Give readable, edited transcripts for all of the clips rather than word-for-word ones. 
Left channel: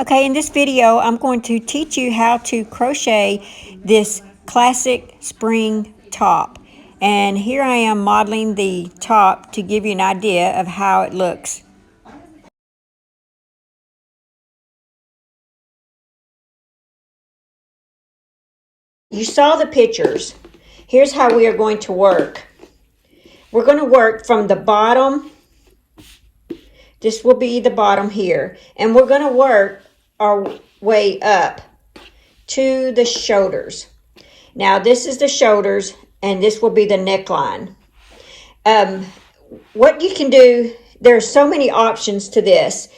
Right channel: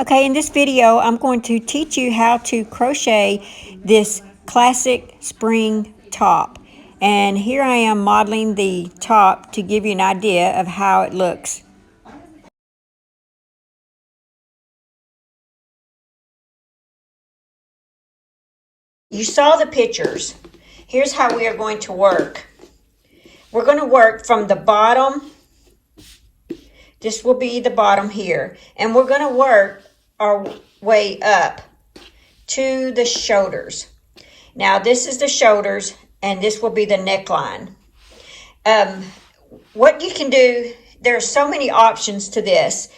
Okay, in this video, I'm going to teach you how to crochet this classic spring top. And here I am modeling the top to give you an idea of how it looks. You saw the pictures. Here's how we are going to work. We're going to work from the bottom. This will be the bottom here. And we're going to work our way up to the shoulders. Now this is the shoulders and this will be the neckline. What you can do, there's so many options to this.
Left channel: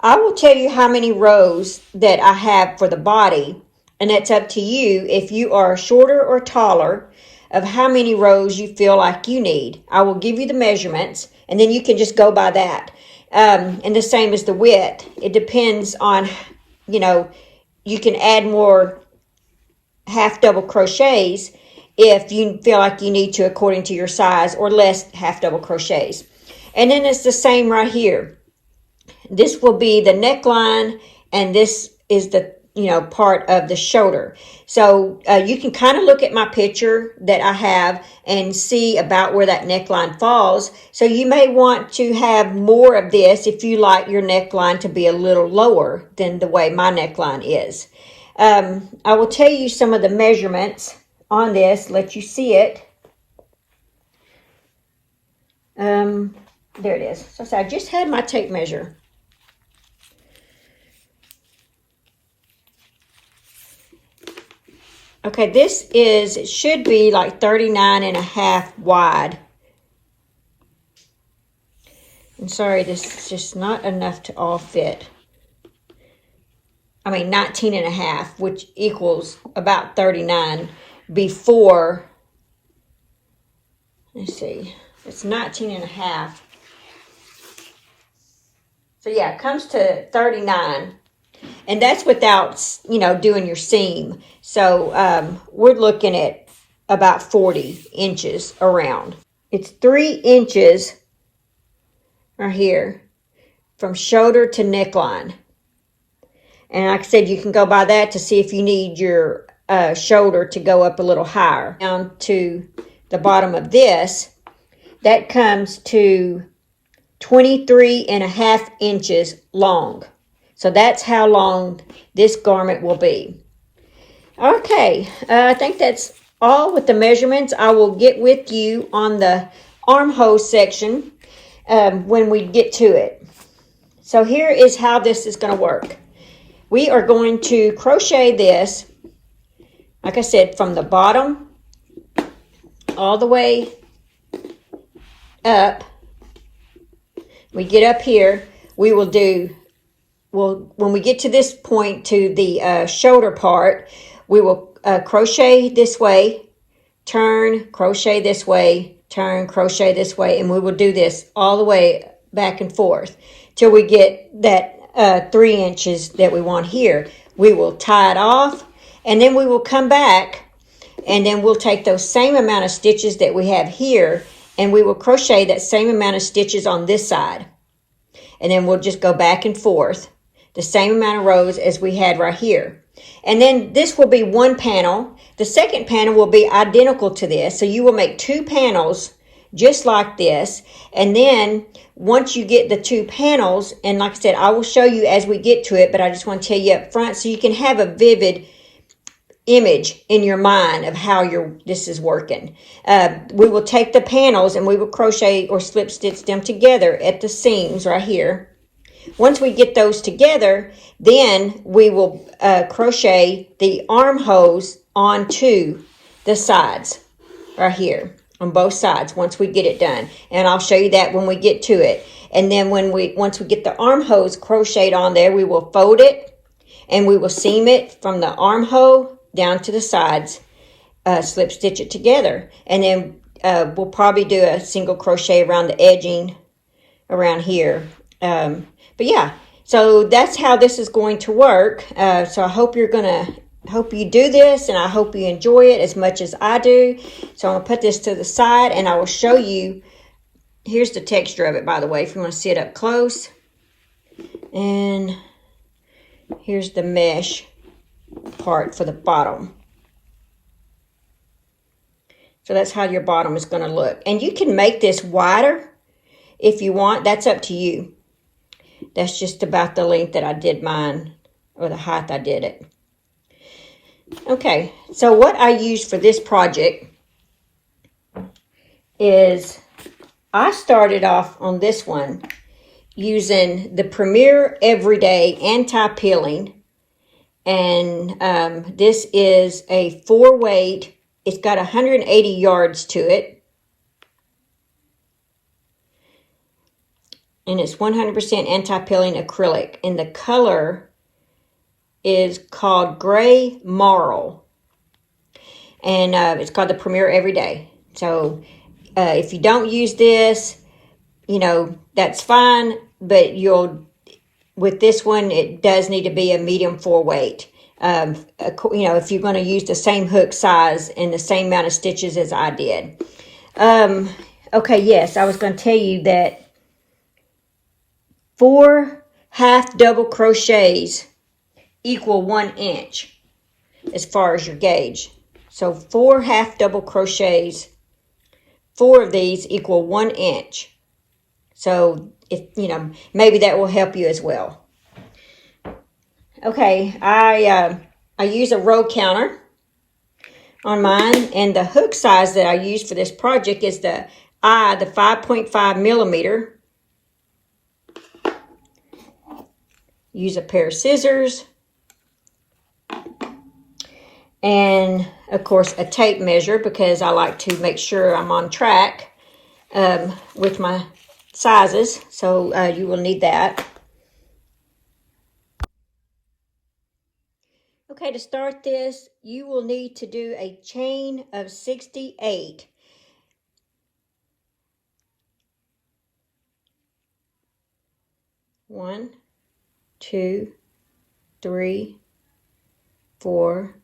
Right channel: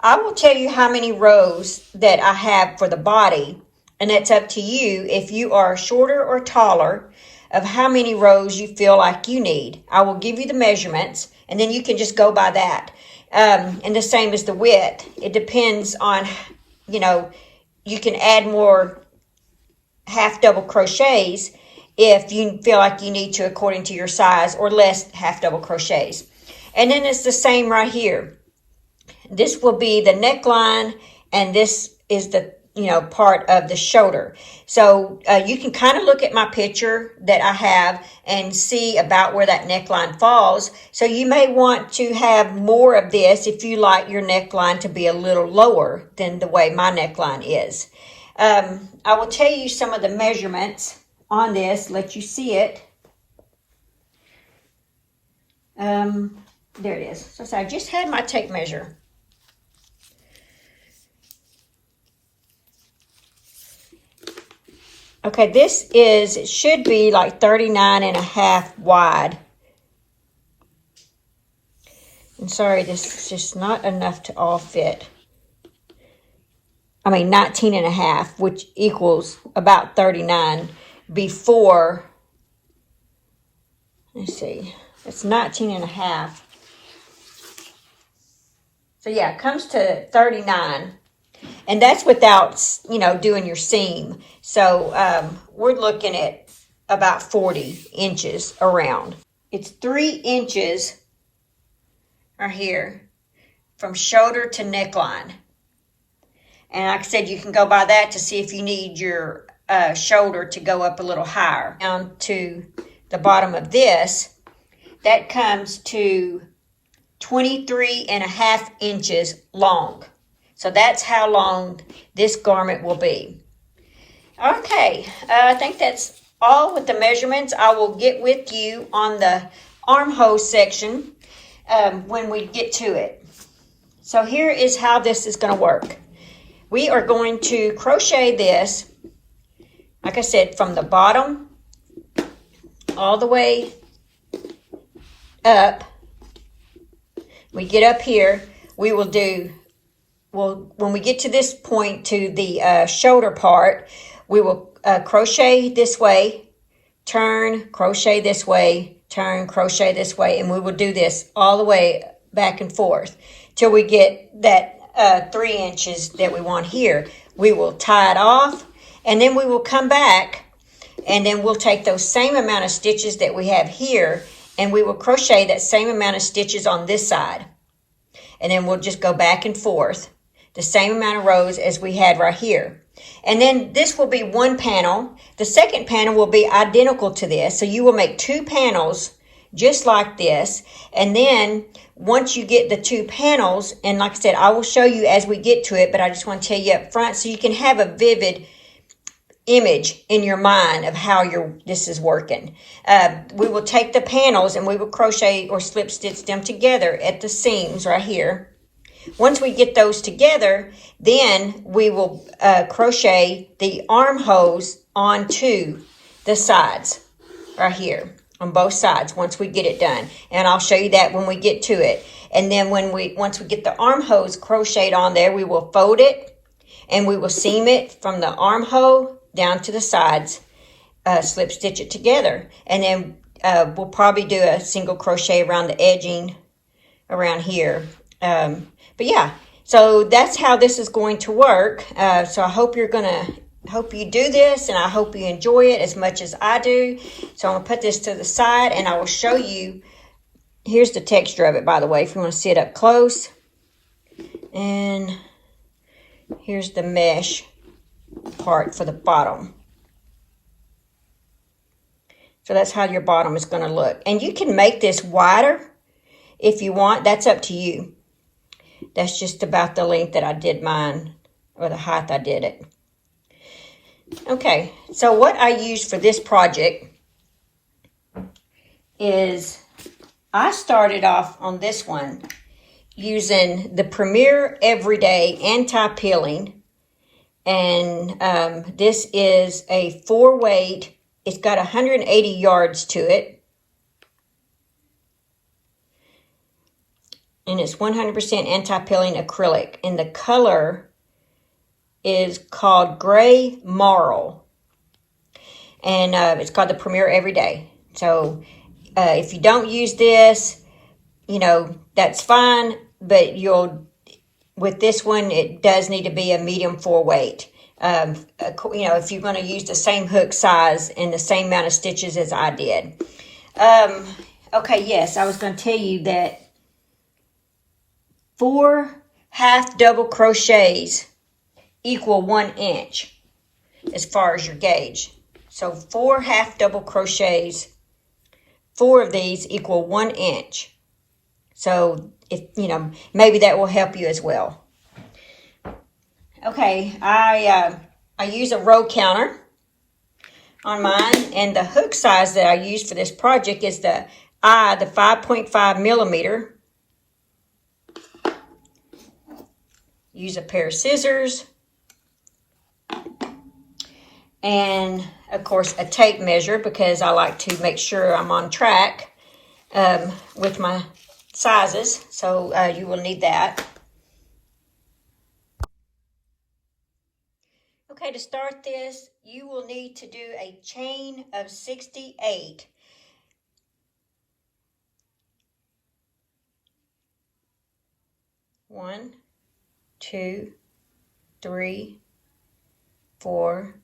I will tell you how many rows that I have for the body, and that's up to you if you are shorter or taller of how many rows you feel like you need. I will give you the measurements and then you can just go by that. And the same as the width. It depends on, you can add more half double crochets if you feel like you need to according to your size, or less half double crochets. And then it's the same right here. This will be the neckline and this is the part of the shoulder. So you can kind of look at my picture that I have and see about where that neckline falls. So you may want to have more of this if you like your neckline to be a little lower than the way my neckline is. I will tell you some of the measurements on this, let you see it. There it is. So I just had my tape measure. Okay, it should be like 39.5 wide. I'm sorry, this is just not enough to all fit. 19.5, which equals about 39 before, let's see, it's 19.5. So yeah, it comes to 39. And that's without, doing your seam. So we're looking at about 40 inches around. It's 3 inches right here from shoulder to neckline. And like I said, you can go by that to see if you need your shoulder to go up a little higher. Down to the bottom of this, that comes to 23.5 inches long. So that's how long this garment will be. Okay, I think that's all with the measurements. I will get with you on the armhole section when we get to it. So here is how this is going to work. We are going to crochet this, like I said, from the bottom all the way up. We get up here, we will do, when we get to this point, to the shoulder part, we will crochet this way, turn, crochet this way, turn, crochet this way, and we will do this all the way back and forth till we get that 3 inches that we want here. We will tie it off, and then we will come back, and then we'll take those same amount of stitches that we have here, and we will crochet that same amount of stitches on this side. And then we'll just go back and forth, the same amount of rows as we had right here. And then this will be one panel. The second panel will be identical to this. So you will make 2 panels just like this. And then once you get the 2 panels, and like I said, I will show you as we get to it, but I just want to tell you up front so you can have a vivid image in your mind of how this is working. We will take the panels and we will crochet or slip stitch them together at the seams right here. Once we get those together, then we will crochet the armholes onto the sides right here on both sides once we get it done. And I'll show you that when we get to it. And then once we get the armholes crocheted on there, we will fold it and we will seam it from the armhole down to the sides, slip stitch it together. And then we'll probably do a single crochet around the edging around here. But yeah, so that's how this is going to work. So I hope you do this, and I hope you enjoy it as much as I do. So I'm going to put this to the side, and I will show you. Here's the texture of it, by the way, if you want to see it up close. And here's the mesh part for the bottom. So that's how your bottom is going to look. And you can make this wider if you want. That's up to you. That's just about the length that I did mine, or the height I did it. Okay, so what I used for this project is I started off on this one using the Premier Everyday Anti-Peeling. And this is a 4-weight. It's got 180 yards to it. And it's 100% anti-peeling acrylic. And the color is called Gray Marl. And it's called the Premier Everyday. So if you don't use this, you know, that's fine. But with this one, it does need to be a medium 4-weight. You know, if you're going to use the same hook size and the same amount of stitches as I did. Okay, yes, I was going to tell you that 4 half double crochets equal 1 inch as far as your gauge. So 4 half double crochets, 4 of these equal 1 inch. So if you know, maybe that will help you as well. Okay, I use a row counter on mine, and the hook size that I use for this project is the 5.5 millimeter. Use a pair of scissors, and of course a tape measure, because I like to make sure I'm on track with my sizes. So you will need that. Okay, to start this, you will need to do a chain of 68. One, 2, 3, 4,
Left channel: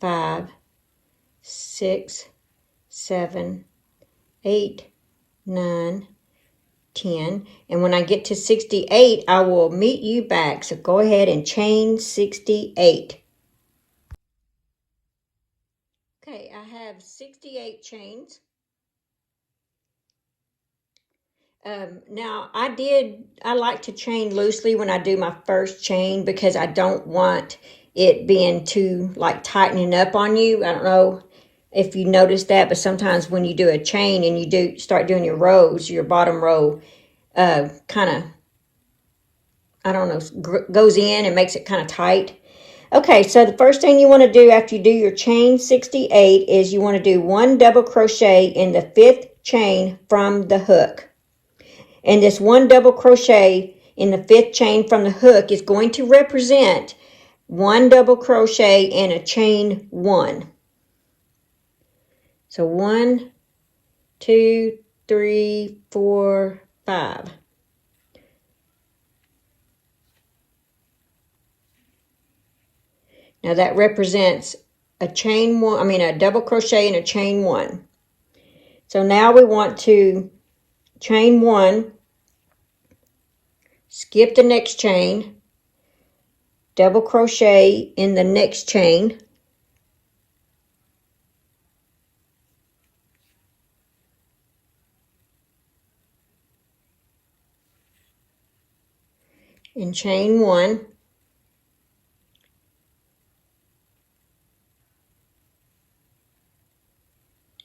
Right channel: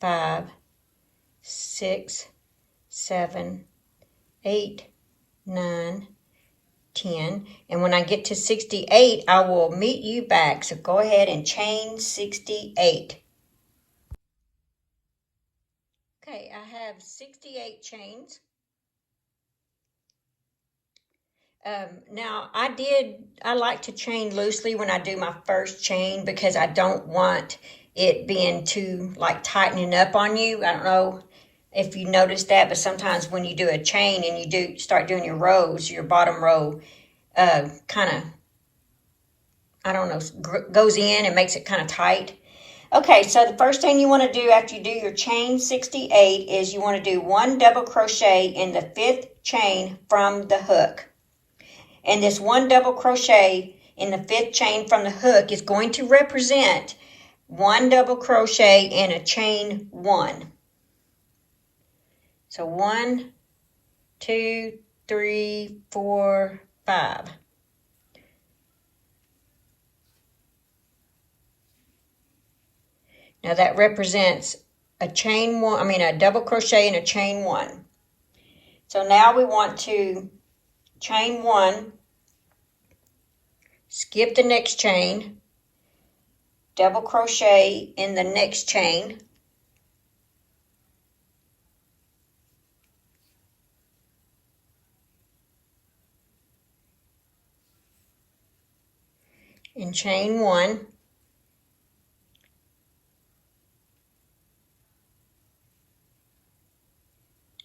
5, 6, 7, 8, 9, 10. And when I get to 68, I will meet you back. So go ahead and chain 68. Okay, I have 68 chains. Now, I like to chain loosely when I do my first chain, because I don't want it being too, like, tightening up on you. I don't know if you noticed that, but sometimes when you do a chain and you start doing your rows, your bottom row kind of, I don't know, goes in and makes it kind of tight. Okay, so the first thing you want to do after you do your chain 68 is you want to do 1 double crochet in the 5th chain from the hook. And this 1 double crochet in the 5th chain from the hook is going to represent 1 double crochet and a chain 1. So 1, 2, 3, 4, 5. Now that represents a double crochet and a chain 1. So now we want to chain 1, skip the next chain, double crochet in the next chain, and chain 1.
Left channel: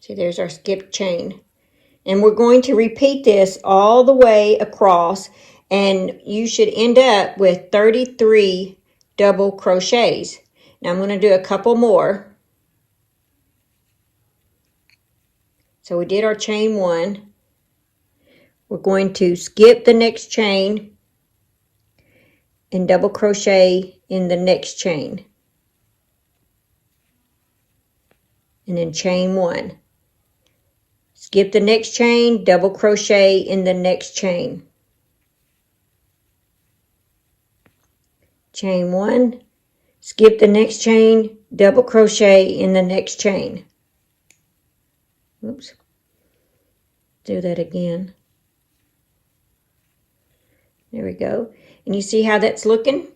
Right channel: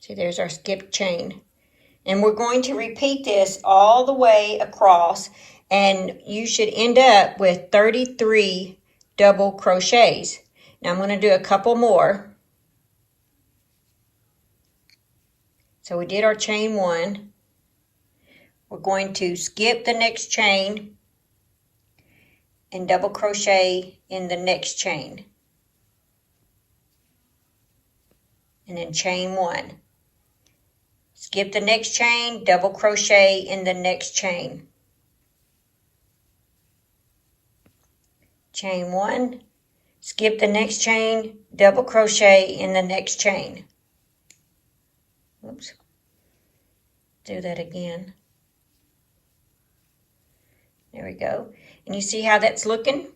See, there's our skipped chain. And we're going to repeat this all the way across, and you should end up with 33 double crochets. Now I'm going to do a couple more. So we did our chain 1. We're going to skip the next chain and double crochet in the next chain. And then chain 1. Skip the next chain, double crochet in the next chain. Chain 1, skip the next chain, double crochet in the next chain. Oops. Do that again. There we go. And you see how that's looking?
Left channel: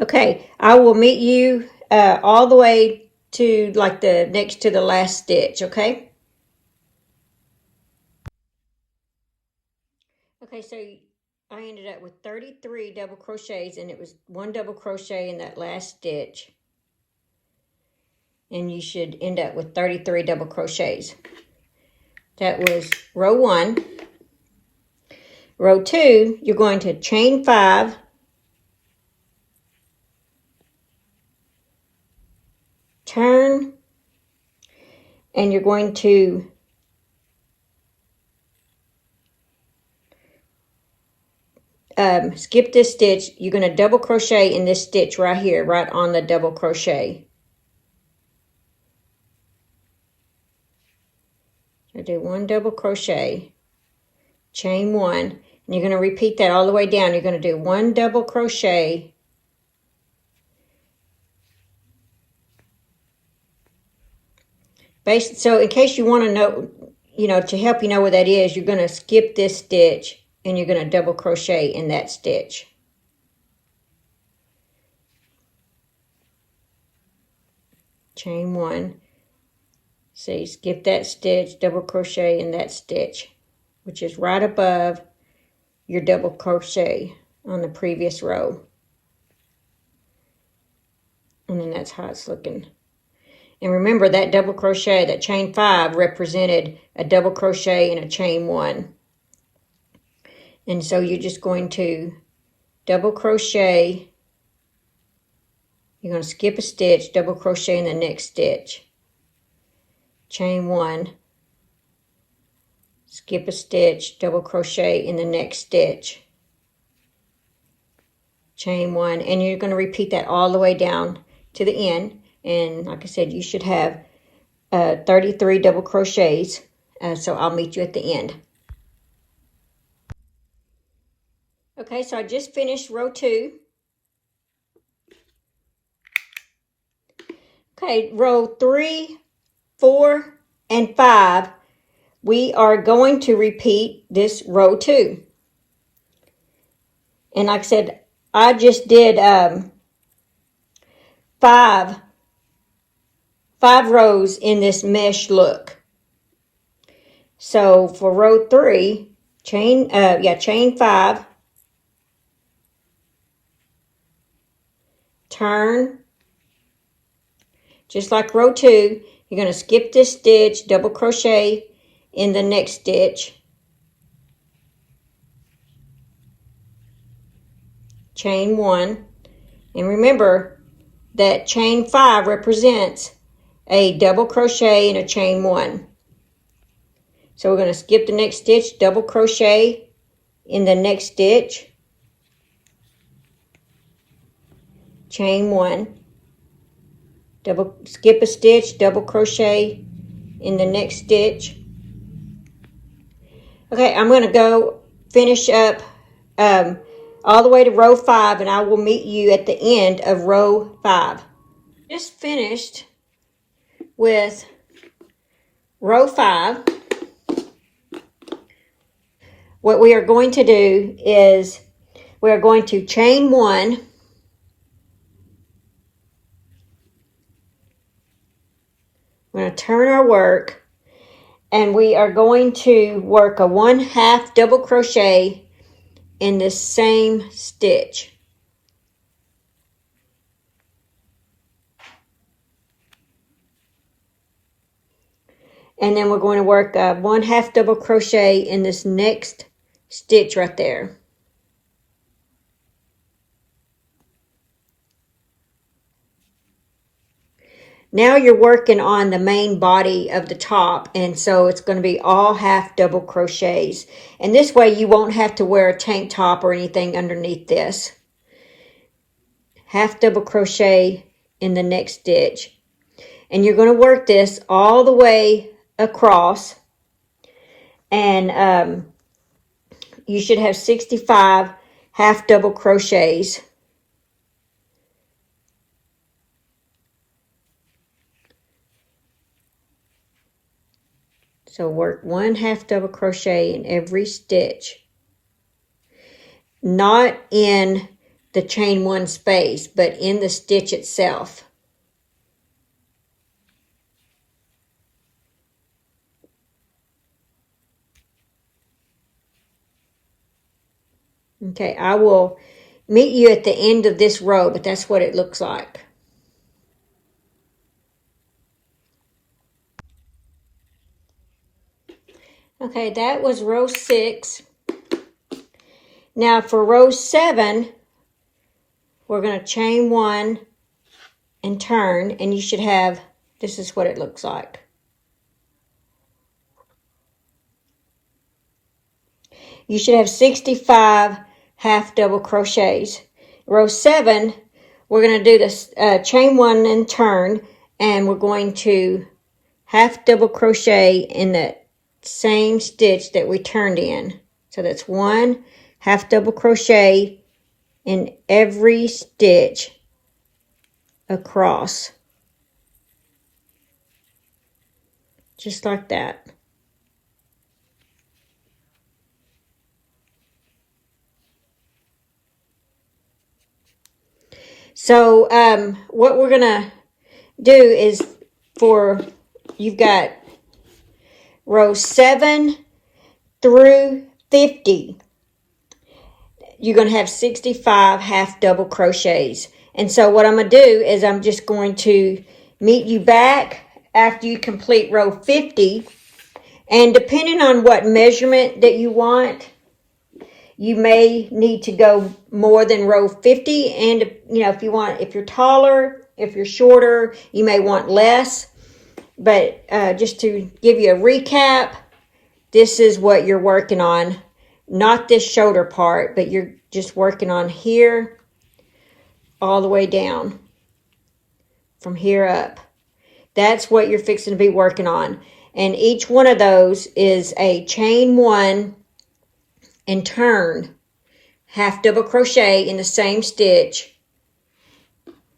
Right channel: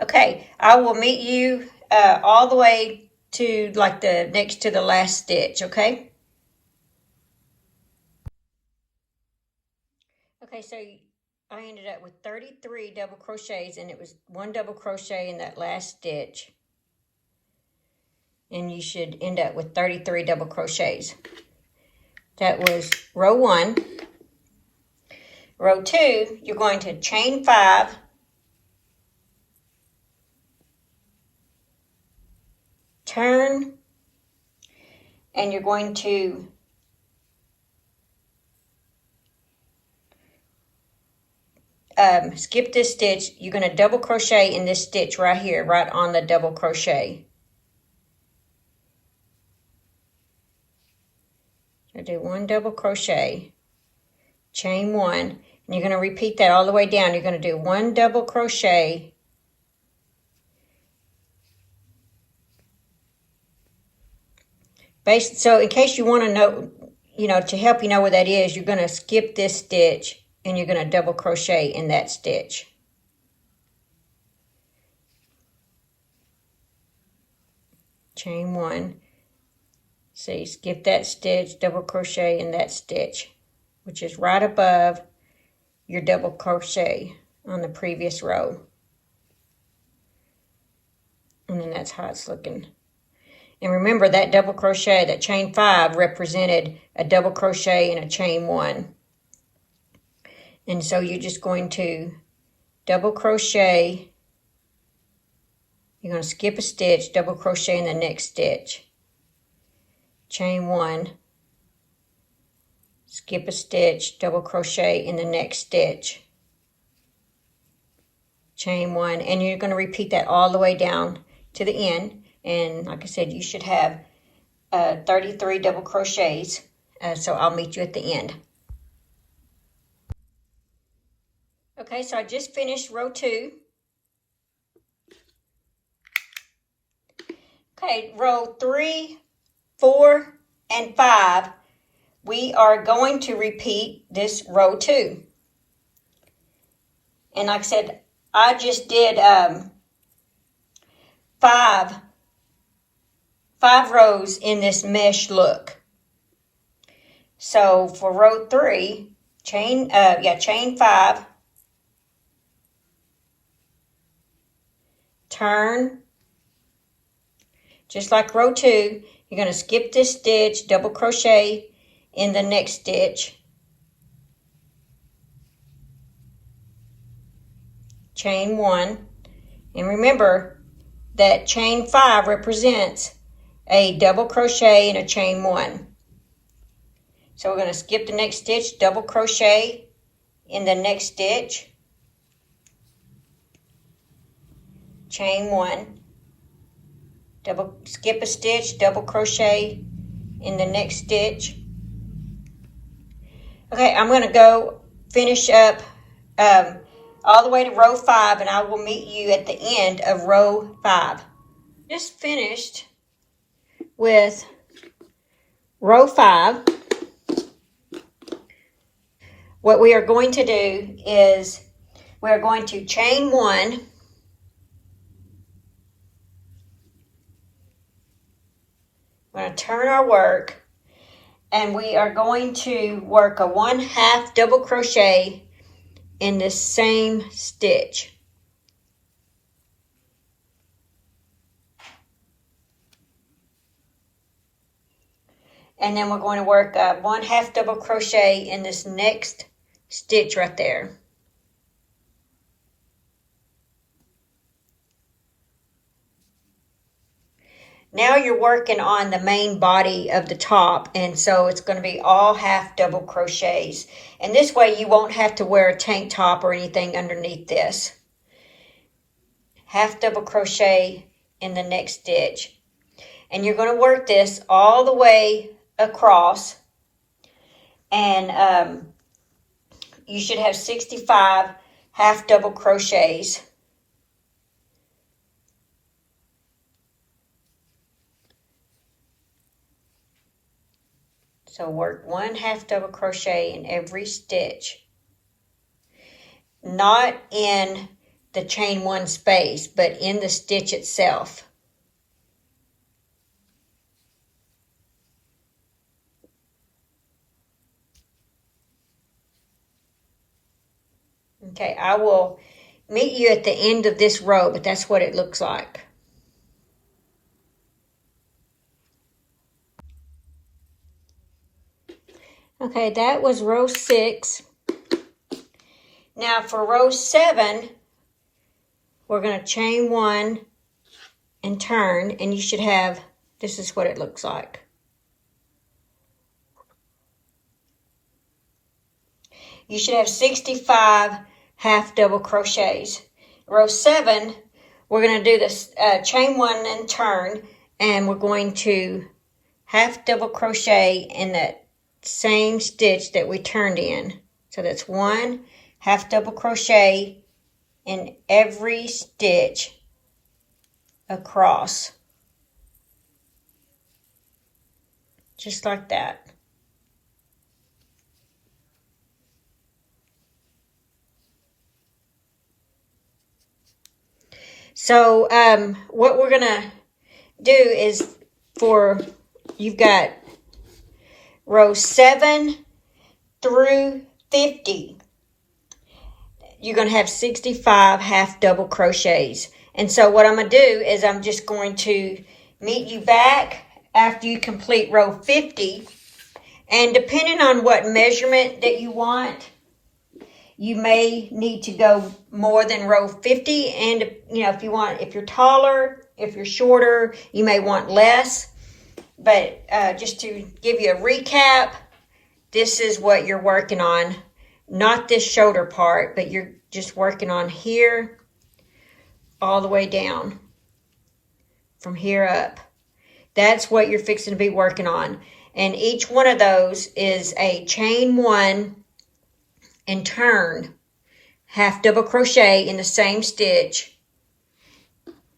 Okay, I will meet you all the way to like the next to the last stitch, okay? Okay, so I ended up with 33 double crochets, and it was 1 double crochet in that last stitch. And you should end up with 33 double crochets. That was row 1. Row 2, you're going to chain 5, turn, and you're going to skip this stitch. You're going to double crochet in this stitch right here, right on the double crochet. I do 1 double crochet, chain 1, and you're going to repeat that all the way down. You're going to do 1 double crochet, so in case you want to know, to help you know what that is, you're going to skip this stitch and you're going to double crochet in that stitch. Chain 1. See, skip that stitch, double crochet in that stitch, which is right above your double crochet on the previous row. And then that's how it's looking. And remember that double crochet, that chain 5 represented a double crochet and a chain 1. And so you're just going to double crochet. You're going to skip a stitch, double crochet in the next stitch. Chain 1. Skip a stitch, double crochet in the next stitch. Chain 1. And you're going to repeat that all the way down to the end. And like I said, you should have 33 double crochets. So I'll meet you at the end. Okay, so I just finished row 2. Okay, row 3, 4, and 5, we are going to repeat this row 2. And like I said, I just did 5 rows in this mesh look. So for row 3, chain 5, turn, just like row 2, you're going to skip this stitch, double crochet in the next stitch, chain 1, and remember that chain 5 represents a double crochet and a chain 1. So we're going to skip the next stitch, double crochet in the next stitch, chain 1, skip a stitch, double crochet in the next stitch. Okay, I'm going to go finish up all the way to row 5, and I will meet you at the end of row 5. Just finished with row 5. What we are going to do is we are going to chain 1, we're going to turn our work, and we are going to work a 1/2 double crochet in the same stitch. And then we're going to work a 1/2 double crochet in this next stitch right there. Now you're working on the main body of the top, and so it's going to be all 1/2 double crochets. And this way you won't have to wear a tank top or anything underneath this. 1/2 double crochet in the next stitch. And you're going to work this all the way across. And you should have 65 1/2 double crochets. So work 1/2 double crochet in every stitch. Not in the chain one space, but in the stitch itself. Okay, I will meet you at the end of this row, but that's what it looks like. Okay, that was row 6. Now for row 7, we're going to chain 1 and turn, and you should have, this is what it looks like. You should have 65 half double crochets. Row 7, we're going to do this chain 1 and turn, and we're going to half double crochet in that same stitch that we turned in. So that's 1 half double crochet in every stitch across, just like that. So what we're gonna do is, you've got row 7 through 50, you're going to have 65 half double crochets. And so what I'm going to do is I'm just going to meet you back after you complete row 50. And depending on what measurement that you want, you may need to go more than row 50. And if you're taller, if you're shorter, you may want less. But just to give you a recap, this is what you're working on. Not this shoulder part, but you're just working on here all the way down. From here up. That's what you're fixing to be working on. And each one of those is a chain 1 and turn. Half double crochet in the same stitch.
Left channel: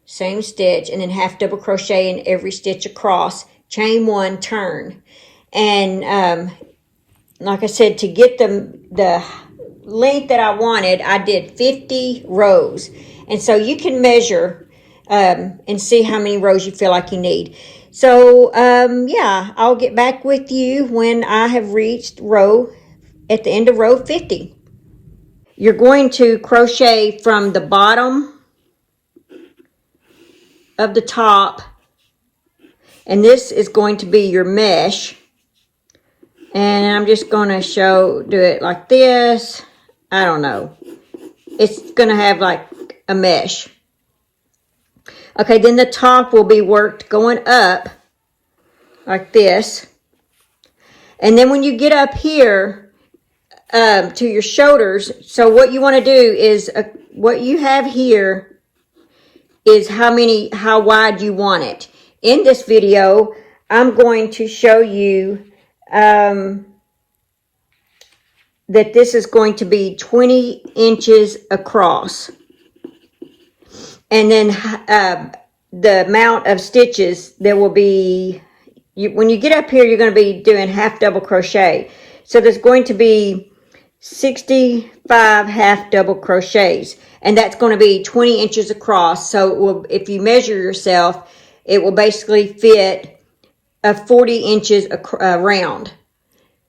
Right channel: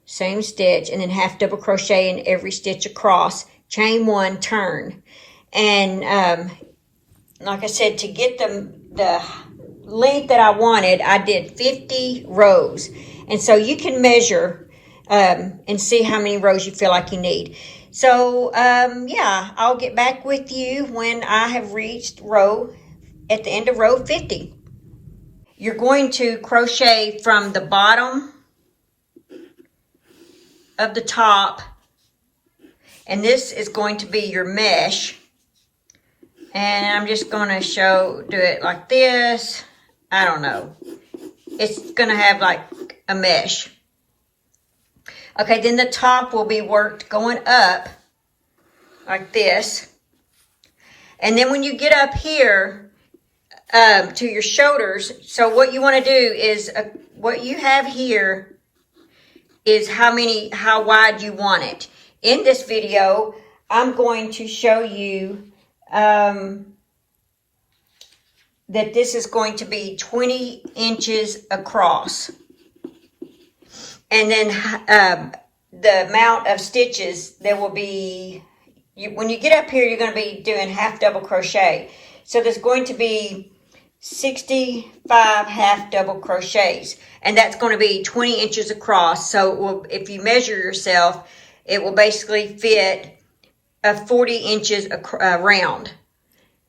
Same stitch. And then half double crochet in every stitch across. Chain 1, turn. And like I said, to get the length that I wanted, I did 50 rows. And so you can measure and see how many rows you feel like you need. So, yeah, I'll get back with you when I have reached at the end of row 50. You're going to crochet from the bottom of the top, and this is going to be your mesh. And I'm just going to do it like this. I don't know. It's going to have like a mesh. Okay, then the top will be worked going up like this. And then when you get up here to your shoulders, so what you want to do is, what you have here is how wide you want it. In this video, I'm going to show you that this is going to be 20 inches across. And then the amount of stitches, there will be, when you get up here, you're going to be doing half double crochet. So there's going to be 65 half double crochets. And that's going to be 20 inches across. So if you measure yourself, it will basically fit 40 inches around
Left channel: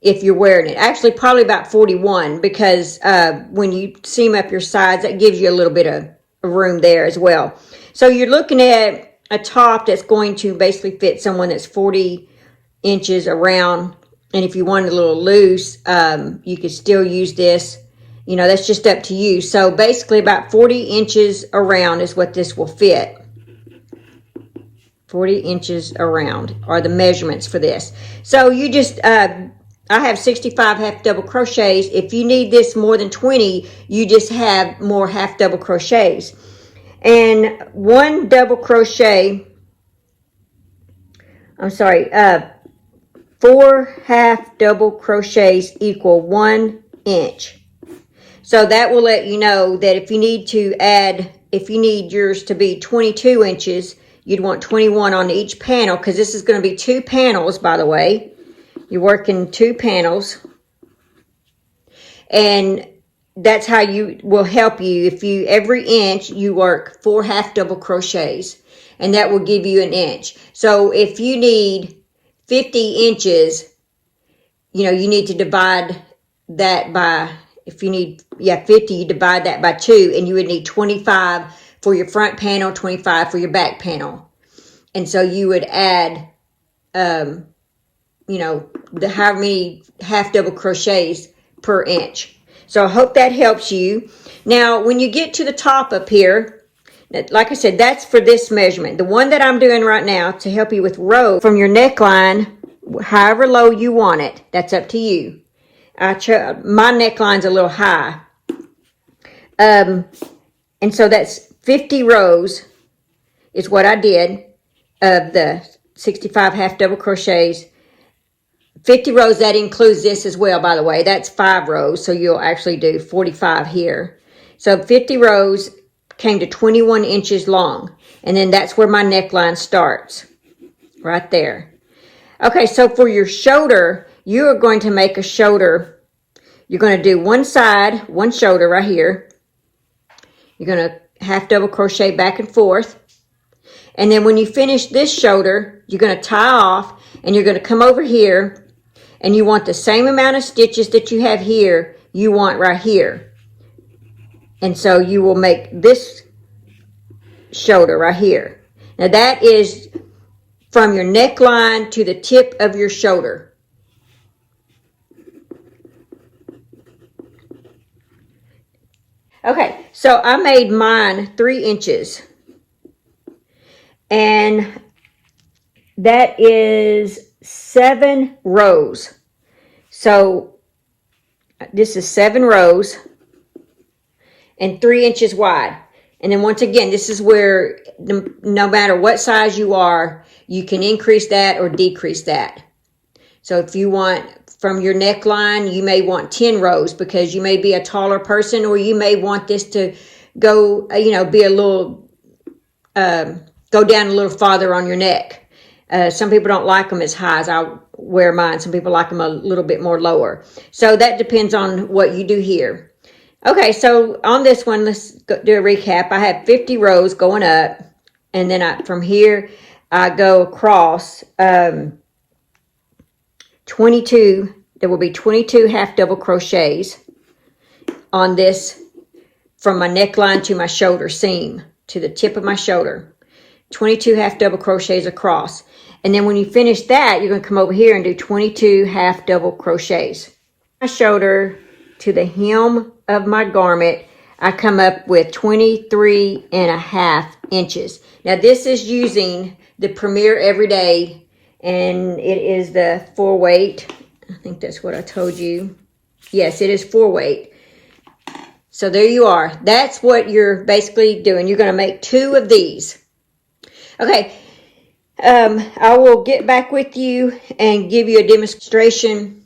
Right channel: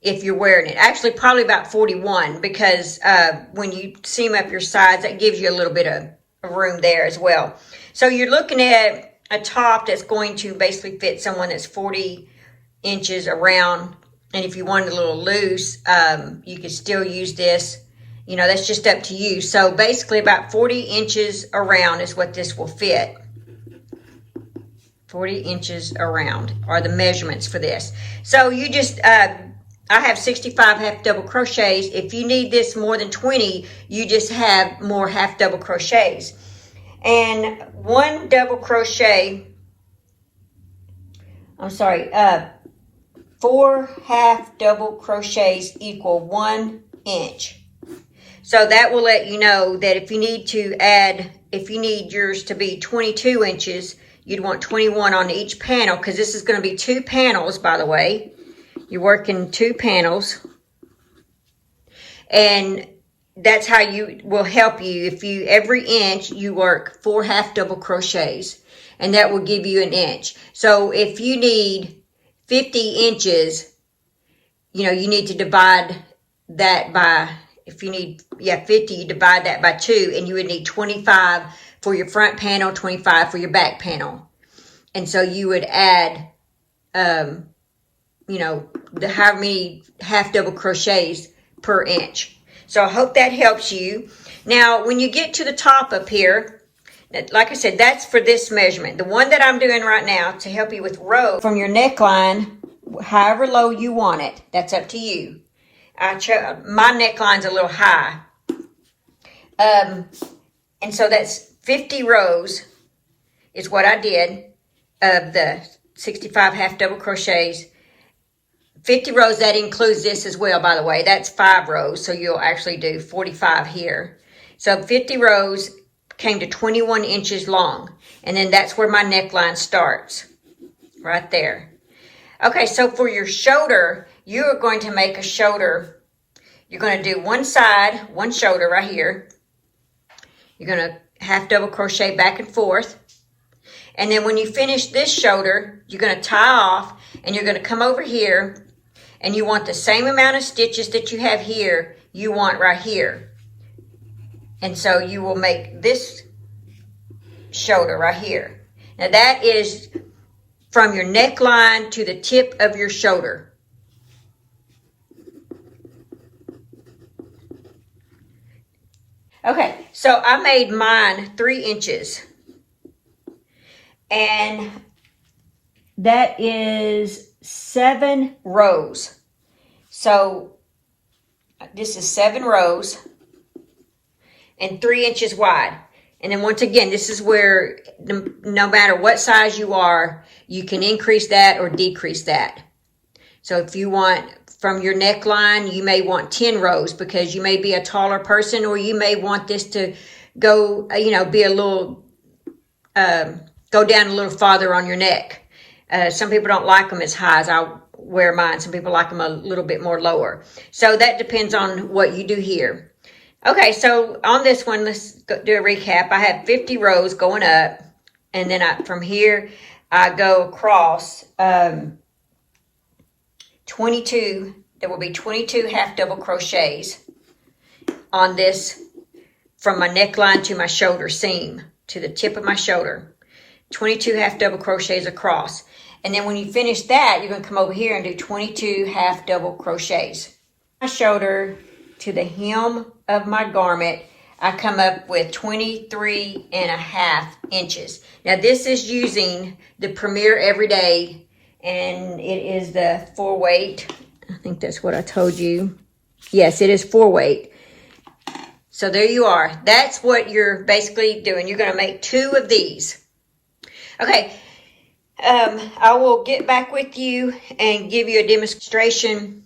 if you're wearing it. Actually, probably about 41, because when you seam up your sides, that gives you a little bit of room there as well. So you're looking at a top that's going to basically fit someone that's 40 inches around. And if you want it a little loose, you could still use this. That's just up to you. So basically about 40 inches around is what this will fit. 40 inches around are the measurements for this. So you just, I have 65 half double crochets. If you need this more than 20, you just have more half double crochets. And 4 half double crochets equal 1 inch. So that will let you know that if you need yours to be 22 inches, you'd want 21 on each panel, because this is going to be 2 panels, by the way. You're working 2 panels. And that's how you will help you. If you, every inch, you work 4 half double crochets, and that will give you an inch. So if you need 50 inches, you know, you need to divide that by, if you need, 50, you divide that by 2, and you would need 25 for your front panel, 25 for your back panel. And so you would add, you know, how many half double crochets per inch. So I hope that helps you. Now, when you get to the top up here, like I said, that's for this measurement. The one that I'm doing right now to help you with row from your neckline, however low you want it, that's up to you. My neckline's a little high. And so that's 50 rows is what I did of the 65 half double crochets. 50 rows, that includes this as well, by the way. That's 5 rows, so you'll actually do 45 here. So 50 rows came to 21 inches long, and then that's where my neckline starts, right there. Okay, so for your shoulder, you are going to make a shoulder. You're going to do one side, one shoulder right here. You're going to half double crochet back and forth. And then when you finish this shoulder, you're going to tie off, and you're going to come over here, and you want the same amount of stitches that you have here, you want right here. And so you will make this shoulder right here. Now that is from your neckline to the tip of your shoulder. Okay, so I made mine 3 inches. And that is 7 rows. So this is 7 rows and 3 inches wide. And then once again, this is where no matter what size you are, you can increase that or decrease that. So if you want from your neckline, you may want 10 rows because you may be a taller person, or you may want this to go, you know, be a little, go down a little farther on your neck. Some people don't like them as high as I wear mine. Some people like them a little bit more lower. So that depends on what you do here. Okay, so on this one, let's do a recap. I have 50 rows going up, and then from here, I go across 22. There will be 22 half double crochets on this from my neckline to my shoulder seam, to the tip of my shoulder. 22 half double crochets across. And then when you finish that, you're going to come over here and do 22 half double crochets. My shoulder to the hem of my garment, I come up with 23.5 inches. Now this is using the Premier Everyday, and it is the 4-weight. I think that's what I told you. Yes, it is 4-weight. So there you are. That's what you're basically doing. You're going to make 2 of these. Okay, I will get back with you and give you a demonstration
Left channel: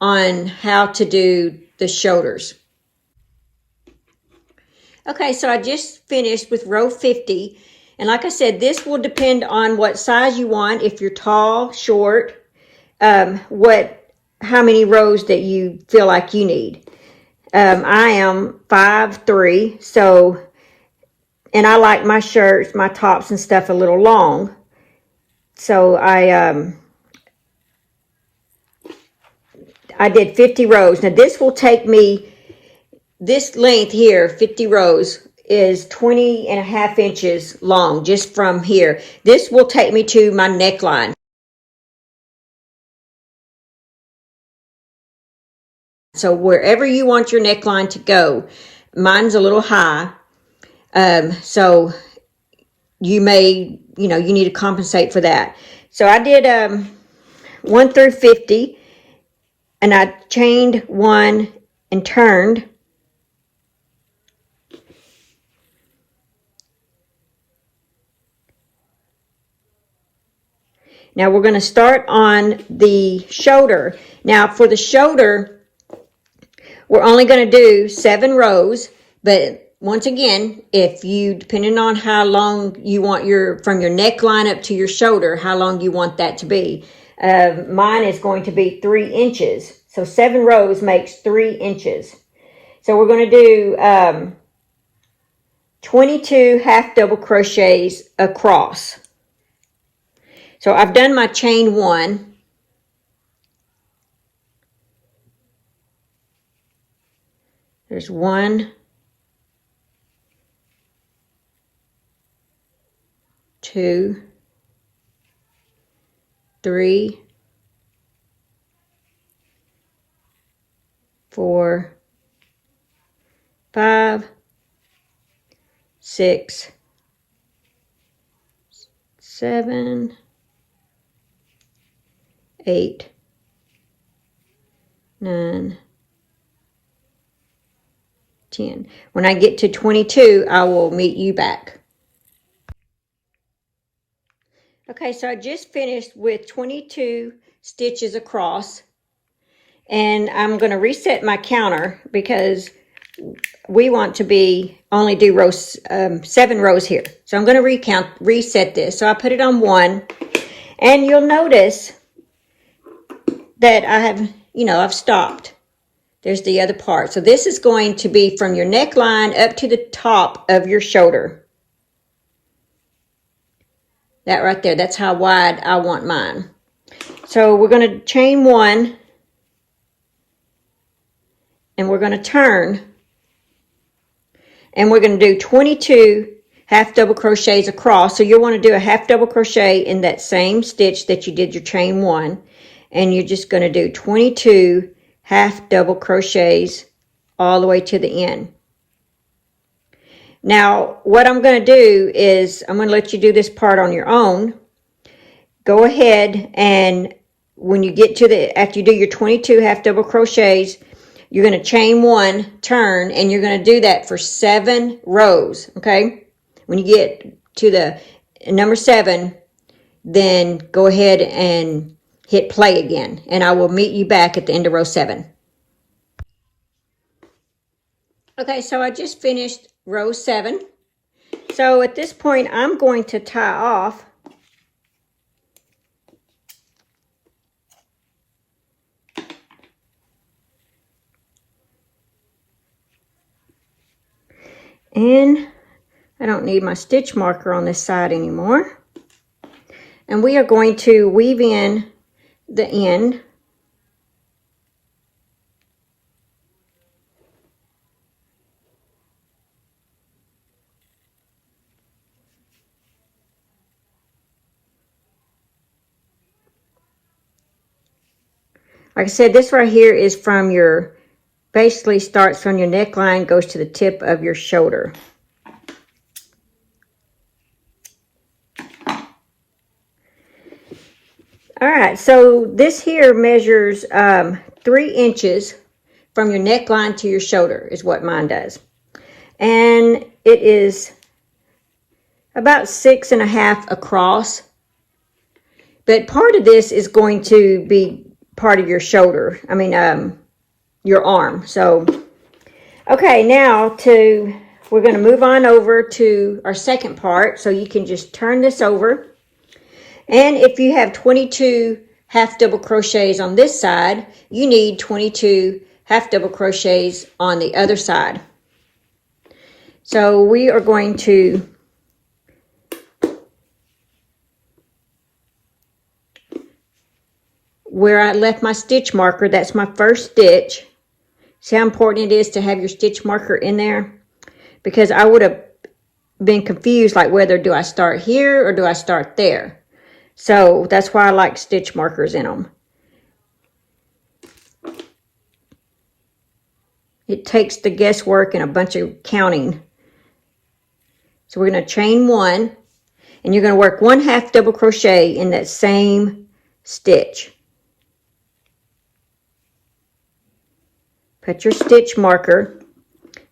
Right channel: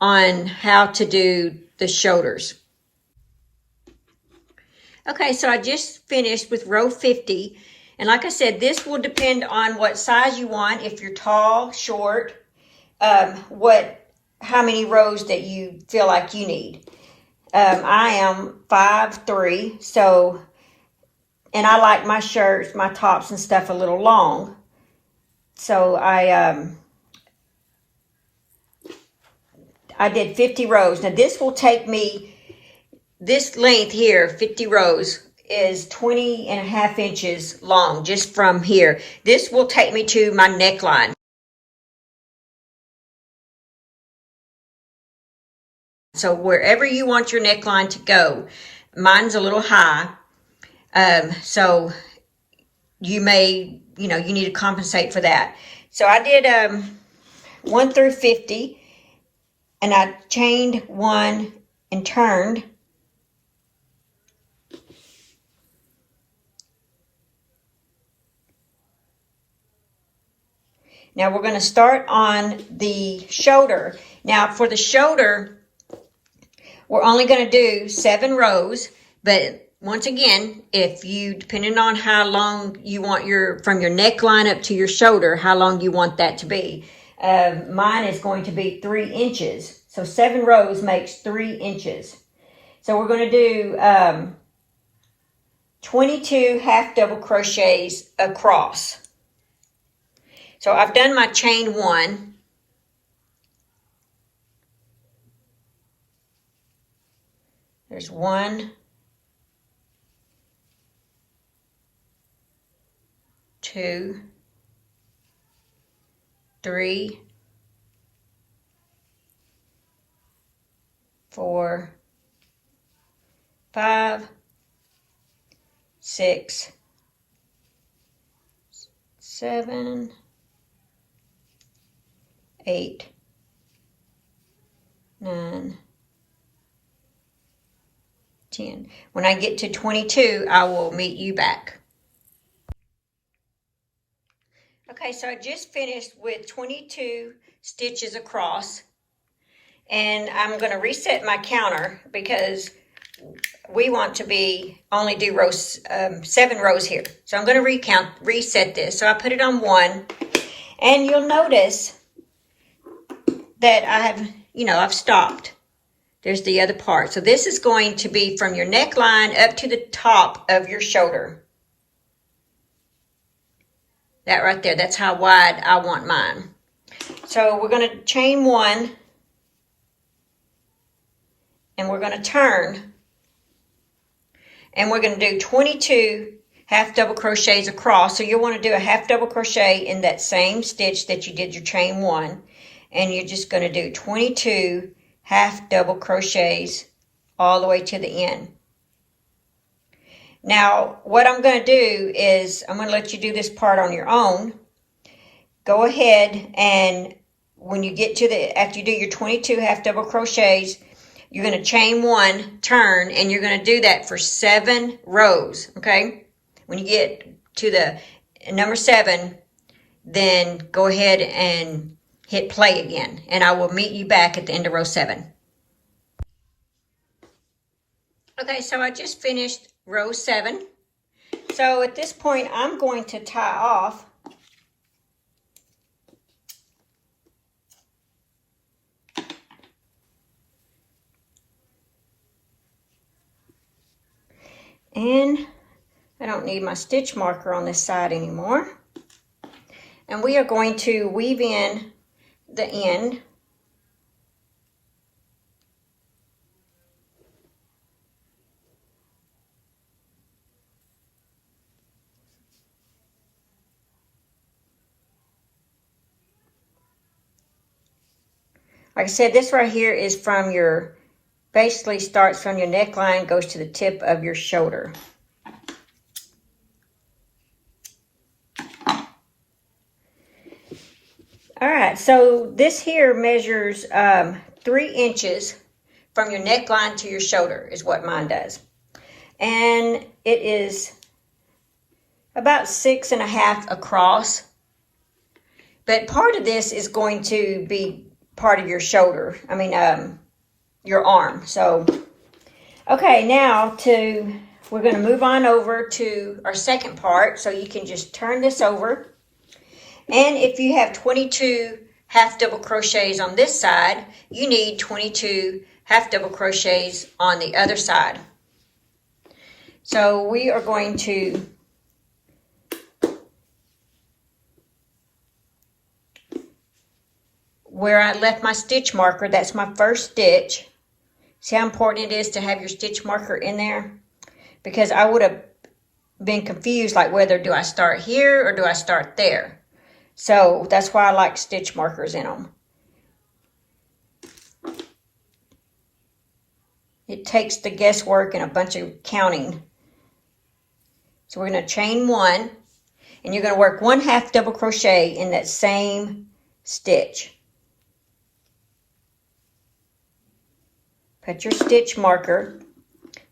on how to do the shoulders. Okay, so I just finished with row 50. And like I said, this will depend on what size you want. If you're tall, short, how many rows that you feel like you need. I am 5'3", so, and I like my shirts, my tops and stuff a little long. So I did 50 rows. Now this will take me, this length here, 50 rows, is 20.5 inches long, just from here. This will take me to my neckline. So wherever you want your neckline to go, mine's a little high. So you may, you need to compensate for that. So I did 1 through 50. And I chained 1 and turned. Now we're going to start on the shoulder. Now for the shoulder, we're only going to do 7 rows. But once again, if you, depending on how long you want from your neckline up to your shoulder, how long you want that to be. Mine is going to be 3 inches. So 7 rows makes 3 inches. So we're going to do 22 half double crochets across. So I've done my chain 1. There's 1, 2, 3, 4, 5, 6, 7, 8, 9, 10. When I get to 22, I will meet you back. Okay, so I just finished with 22 stitches across, and I'm going to reset my counter because we want to only do rows, 7 rows here. So I'm going to reset this. So I put it on 1, and you'll notice that I have, I've stopped. There's the other part. So this is going to be from your neckline up to the top of your shoulder. That right there, that's how wide I want mine. So we're going to chain 1, and we're going to turn, and we're going to do 22 half double crochets across. So you'll want to do a half double crochet in that same stitch that you did your chain 1, and you're just going to do 22 half double crochets all the way to the end. Now, what I'm going to do is I'm going to let you do this part on your own. Go ahead, and when you get to after you do your 22 half double crochets, you're going to chain 1, turn, and you're going to do that for 7 rows, okay? When you get to the number 7, then go ahead and hit play again, and I will meet you back at the end of row 7. Okay, so I just finished row 7. So at this point, I'm going to tie off. And I don't need my stitch marker on this side anymore. And we are going to weave in the end. Like I said, this right here is from basically starts from your neckline, goes to the tip of your shoulder. All right, so this here measures 3 inches from your neckline to your shoulder is what mine does. And it is about 6.5 across. But part of this is going to be part of your shoulder. I mean, your arm. So, okay, now we're going to move on over to our second part. So you can just turn this over. And if you have 22 half double crochets on this side, you need 22 half double crochets on the other side. So we are going to where I left my stitch marker, that's my first stitch. See how important it is to have your stitch marker in there? Because I would have been confused, like whether do I start here or do I start there? So that's why I like stitch markers in them. It takes the guesswork and a bunch of counting. So we're going to chain 1, and you're going to work 1 half double crochet in that same stitch. Put your stitch marker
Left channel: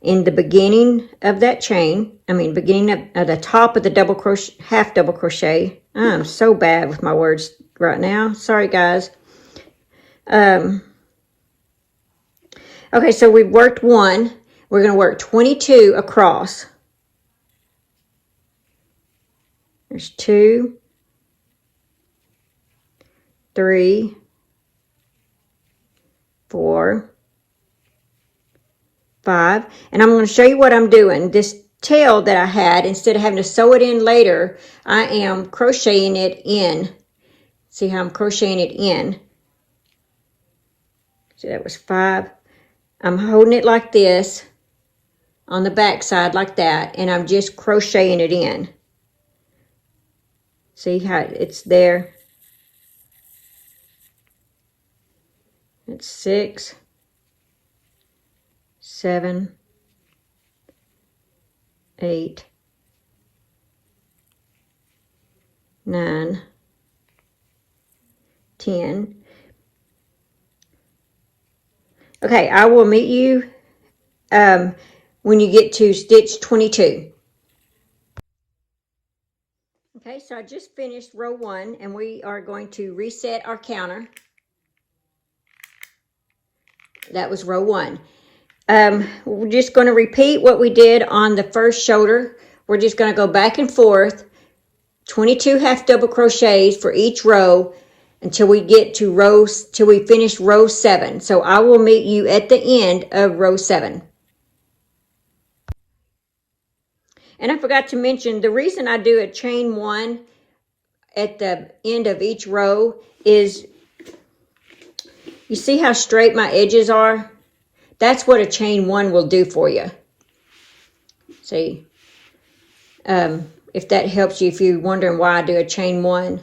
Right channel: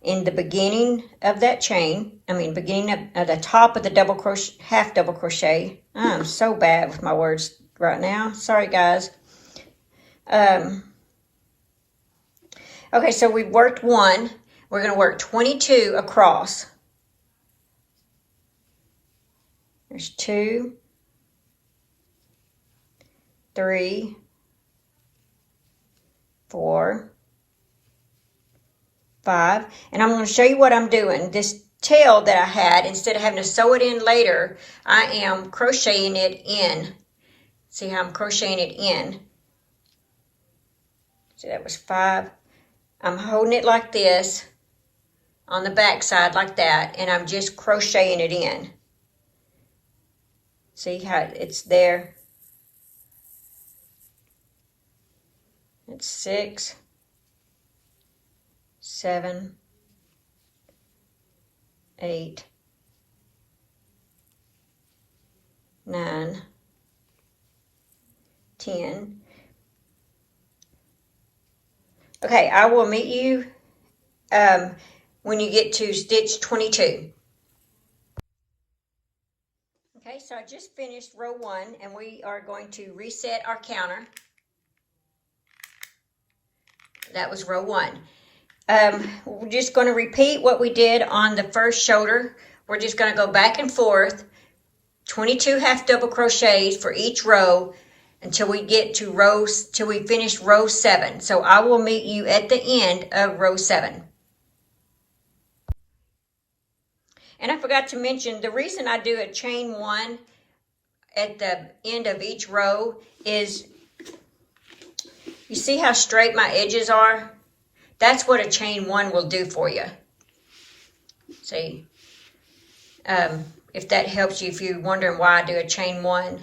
in the beginning of that chain. Beginning of the top of the double crochet, half double crochet. I'm so bad with my words right now. Sorry, guys. Okay, so we've worked 1. We're going to work 22 across. There's 2, 3, 4, 5. And I'm going to show you what I'm doing. This tail that I had, instead of having to sew it in later, I am crocheting it in. See how I'm crocheting it in? So that was 5. I'm holding it like this on the back side like that, and I'm just crocheting it in. See how it's there? It's 6, 7, 8, 9, 10. Okay, I will meet you when you get to stitch 22. Okay, so I just finished row 1, and we are going to reset our counter. That was row 1. We're just going to repeat what we did on the first shoulder. We're just going to go back and forth, 22 half double crochets for each row until we get to till we finish row 7. So I will meet you at the end of row 7. And I forgot to mention, the reason I do a chain 1 at the end of each row is, you see how straight my edges are? That's what a chain 1 will do for you. See, if that helps you, if you're wondering why I do a chain 1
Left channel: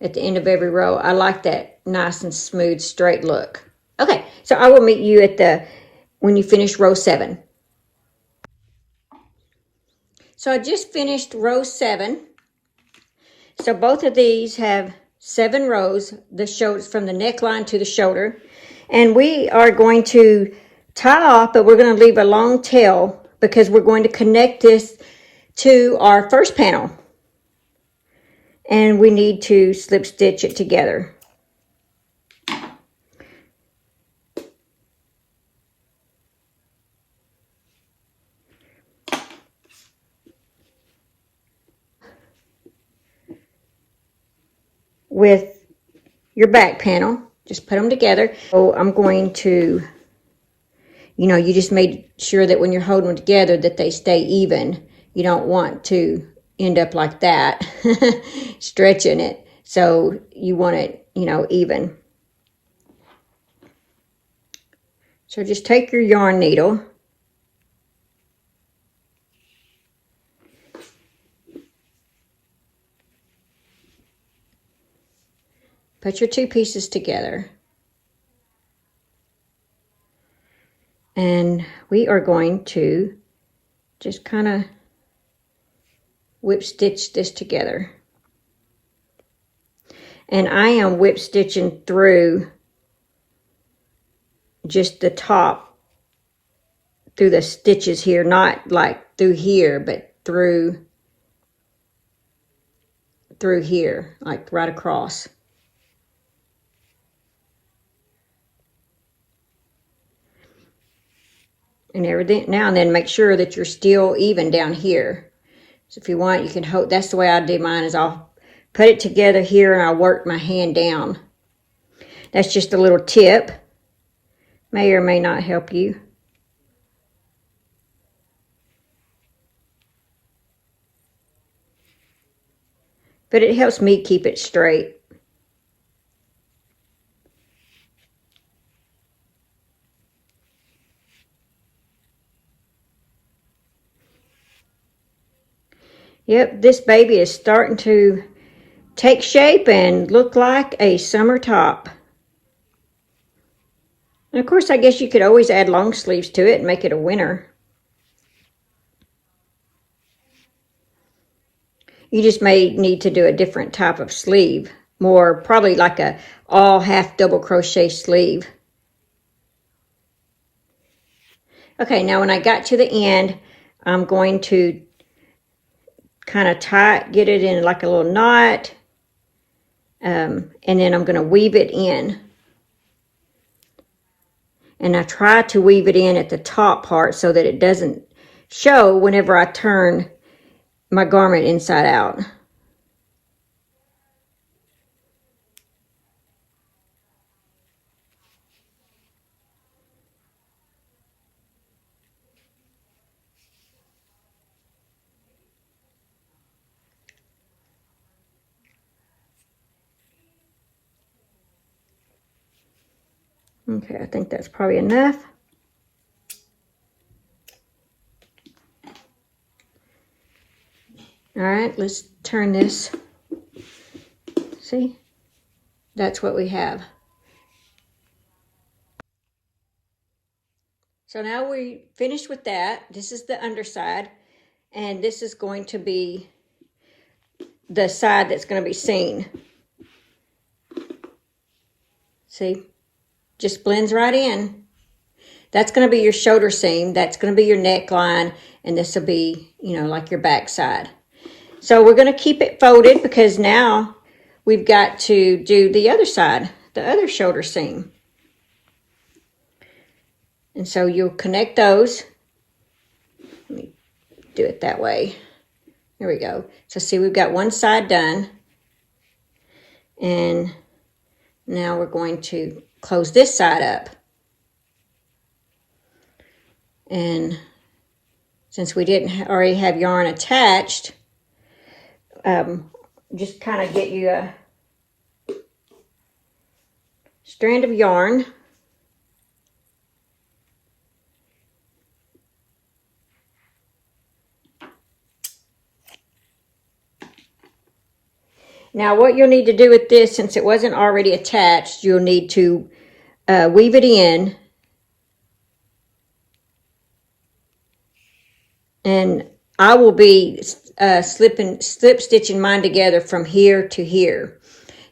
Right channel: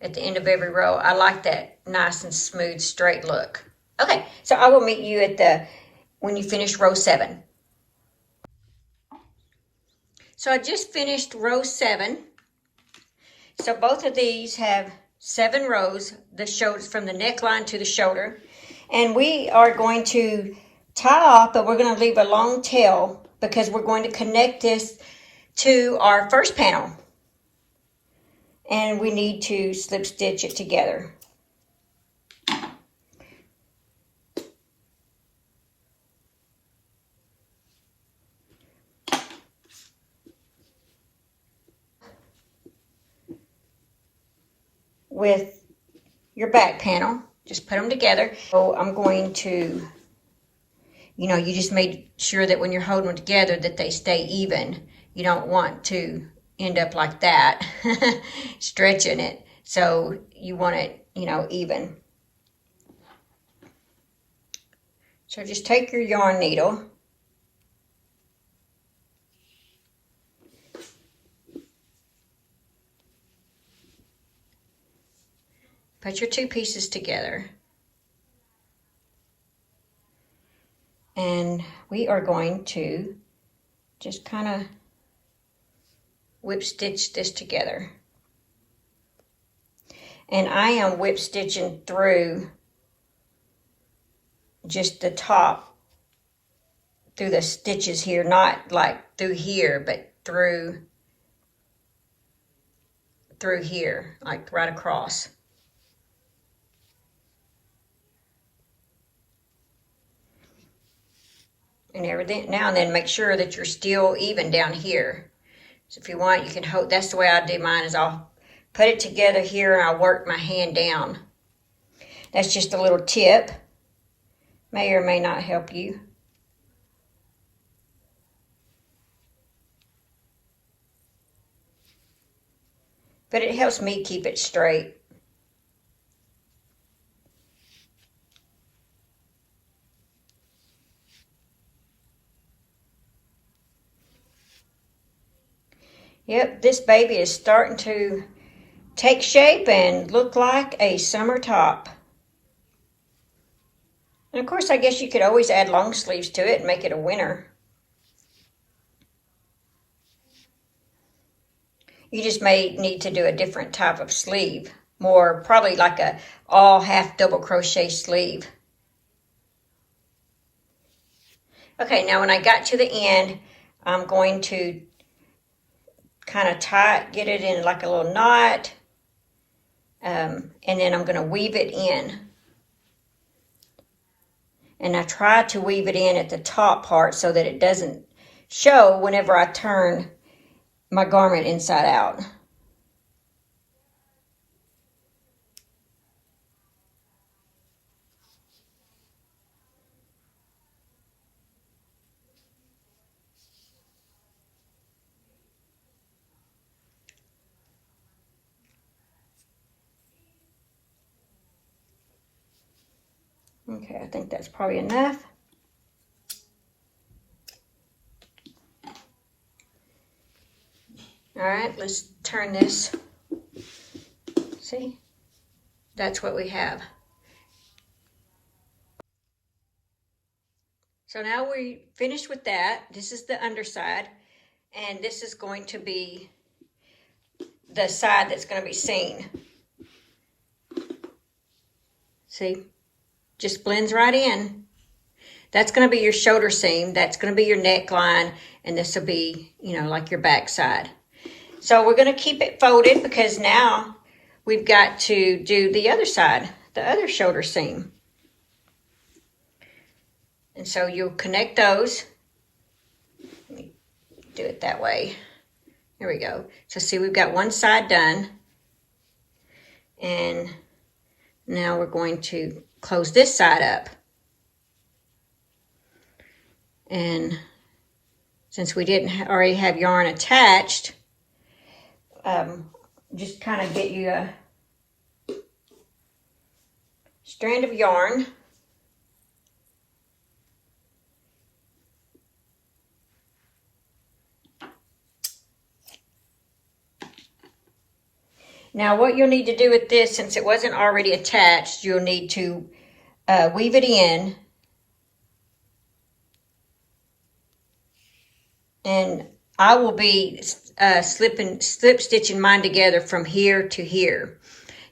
at the end of every row, I like that nice and smooth straight look. Okay, so I will meet you at when you finish row 7. So I just finished row 7. So both of these have 7 rows, the shoulders from the neckline to the shoulder. And we are going to tie off, but we're going to leave a long tail because we're going to connect this to our first panel. And we need to slip stitch it together. With your back panel, just put them together. So I'm going to, you just made sure that when you're holding them together that they stay even. You don't want to end up like that, stretching it. So you want it, even. So just take your yarn needle. Put your 2 pieces together. And we are going to just kind of whip stitch this together. And I am whip stitching through just the top, through the stitches here, not like through here, but through here, like right across. And everything, now and then make sure that you're still even down here. So if you want, you can hold, that's the way I do mine, is I'll put it together here and I'll work my hand down. That's just a little tip. May or may not help you. But it helps me keep it straight. Yep, this baby is starting to take shape and look like a summer top. And of course, I guess you could always add long sleeves to it and make it a winter. You just may need to do a different type of sleeve, more probably like a all half double crochet sleeve. Okay, now when I got to the end, I'm going to kind of get it in like a little knot, and then I'm going to weave it in. And I try to weave it in at the top part so that it doesn't show whenever I turn my garment inside out. Okay, I think that's probably enough. All right, let's turn this. See? That's what we have. So now we finished with that. This is the underside, and this is going to be the side that's going to be seen. See? Just blends right in. That's going to be your shoulder seam. That's going to be your neckline, and this will be, you know, like your back side. So we're going to keep it folded because now we've got to do the other side, the other shoulder seam. And so you'll connect those. Let me do it that way. There we go. So see, we've got one side done. And now we're going to close this side up. And since we didn't already have yarn attached, just kind of get you a strand of yarn. Now what you'll need to do with this, since it wasn't already attached, you'll need to weave it in. And I will be slip stitching mine together from here to here.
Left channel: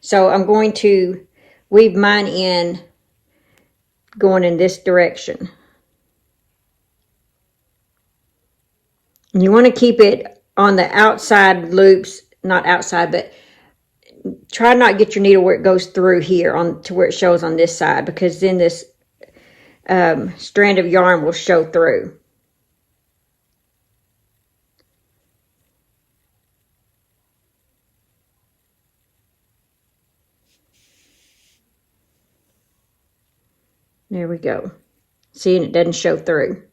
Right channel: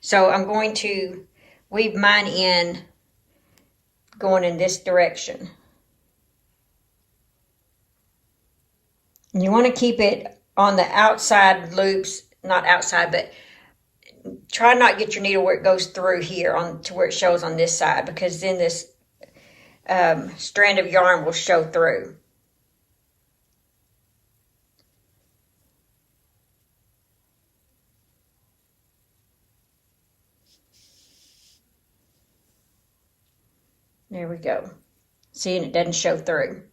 So I'm going to weave mine in going in this direction. And you want to keep it on the outside loops, not outside, but try not to get your needle where it goes through here on to where it shows on this side, because then this strand of yarn will show through. There we go. See, and it doesn't show through.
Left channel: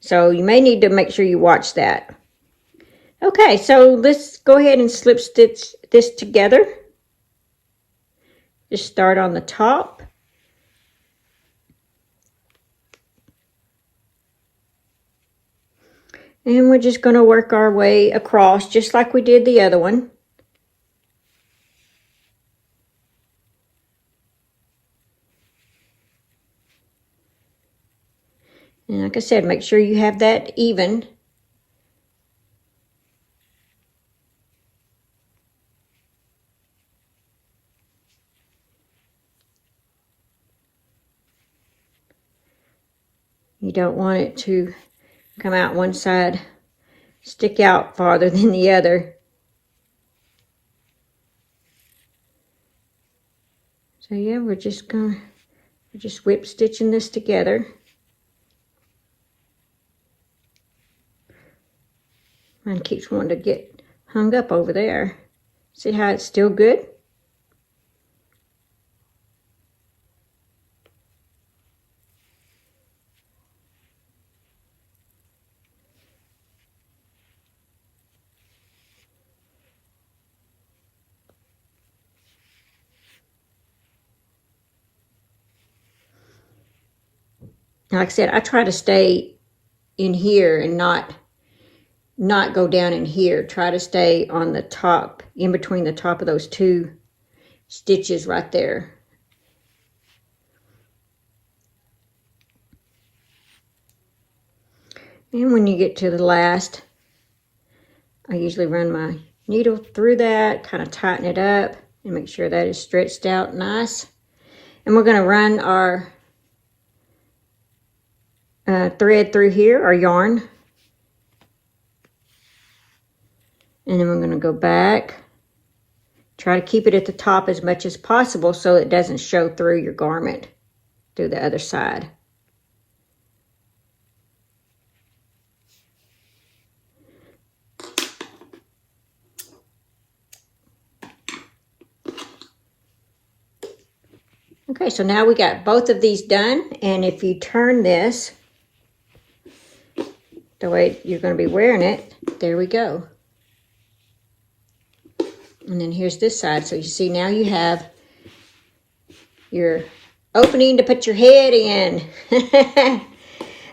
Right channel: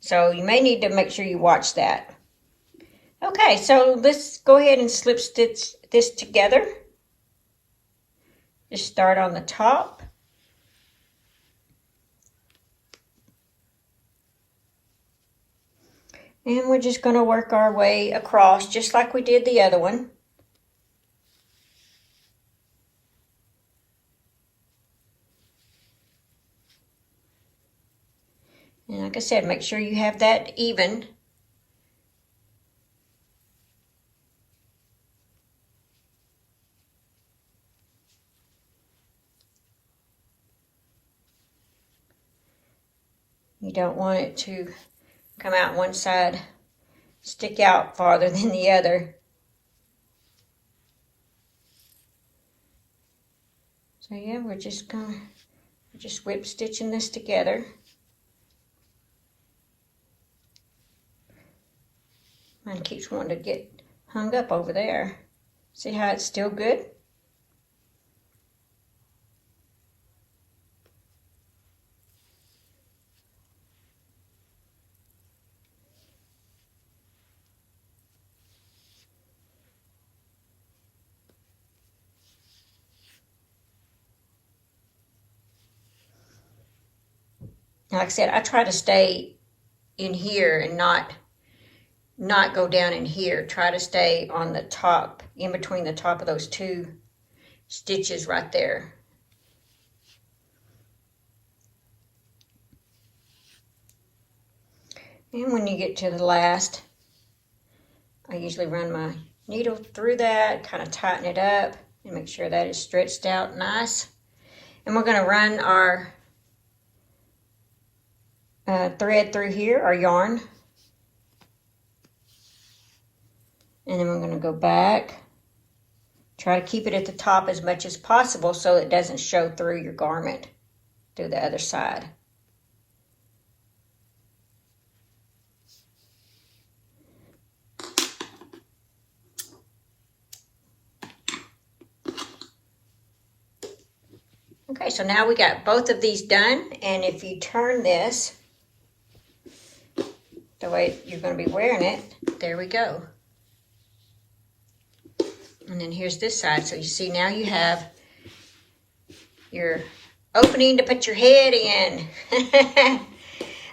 So you may need to make sure you watch that. Okay, so let's go ahead and slip stitch this together. Just start on the top. And we're just going to work our way across just like we did the other one. And like I said, make sure you have that even. You don't want it to come out one side, stick out farther than the other. So yeah, we're just whip stitching this together. Mine keeps wanting to get hung up over there. See how it's still good? Like I said, I try to stay in here and not go down in here. Try to stay on the top, in between the top of those two stitches right there. And when you get to the last, I usually run my needle through that, kind of tighten it up and make sure that is stretched out nice. And we're going to run our thread through here, our yarn. And then we're going to go back. Try to keep it at the top as much as possible so it doesn't show through your garment through the other side. Okay, so now we got both of these done, and if you turn this the way you're going to be wearing it, there we go. And then here's this side. So you see now you have your opening to put your head in.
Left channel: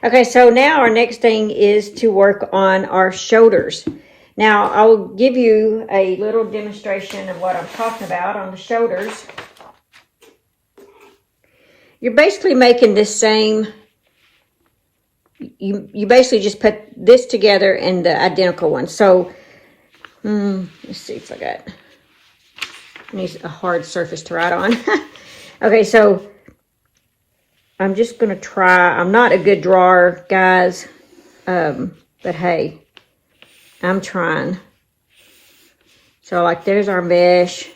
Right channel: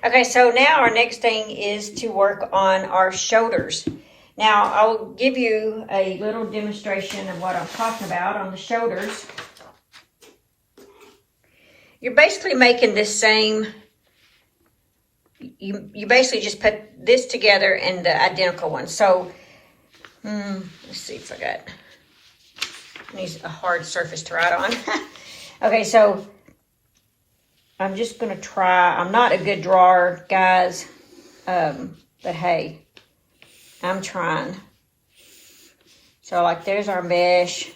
Okay, so now our next thing is to work on our shoulders. Now, I'll give you a little demonstration of what I'm talking about on the shoulders. You're basically making this same, you basically just put this together and the identical one. So, let's see if I need a hard surface to write on. Okay, so I'm just going to try. I'm not a good drawer, guys, but hey, I'm trying. So, like, there's our mesh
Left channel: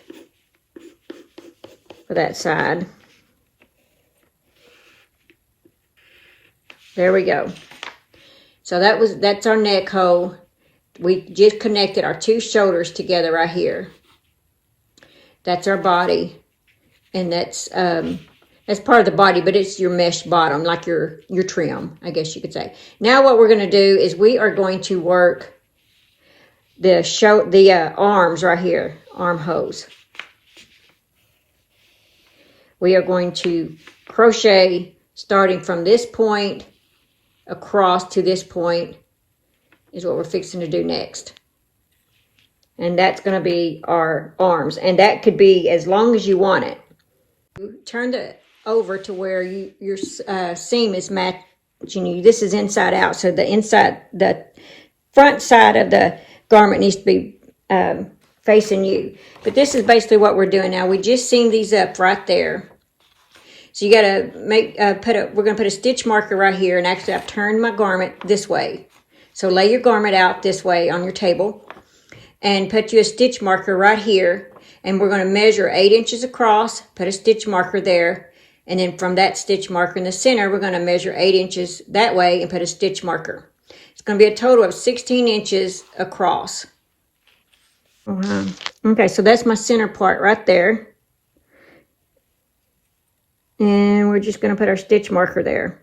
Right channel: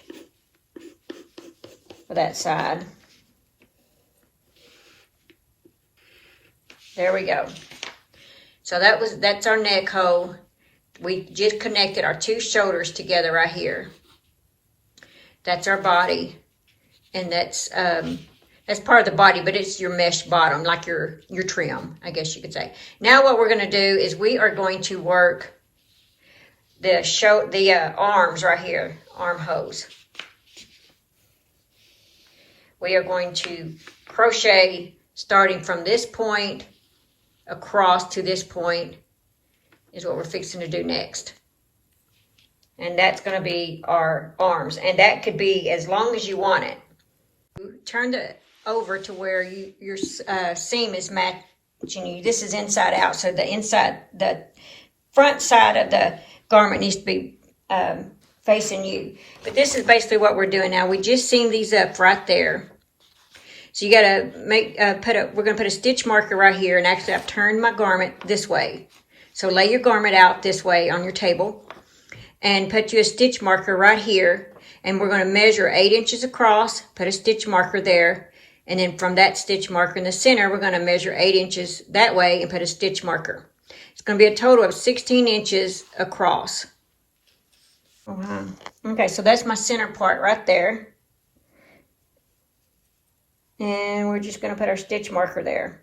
for that side. There we go. So that's our neck hole. We just connected our two shoulders together right here. That's our body, and that's part of the body, but it's your mesh bottom, like your trim, I guess you could say. Now what we're going to do is we are going to work the arms right here, arm hose. We are going to crochet starting from this point across to this point is what we're fixing to do next. And that's going to be our arms, and that could be as long as you want it. Turn it over to where your seam is matching you. This is inside out, so the front side of the garment needs to be facing you. But this is basically what we're doing now. We just seamed these up right there. So you got to we're going to put a stitch marker right here, and actually I've turned my garment this way. So lay your garment out this way on your table and put you a stitch marker right here, and we're going to measure 8 inches across, put a stitch marker there, and then from that stitch marker in the center, we're going to measure 8 inches that way and put a stitch marker. It's going to be a total of 16 inches across. Okay, so that's my center part right there. And we're just going to put our stitch marker there.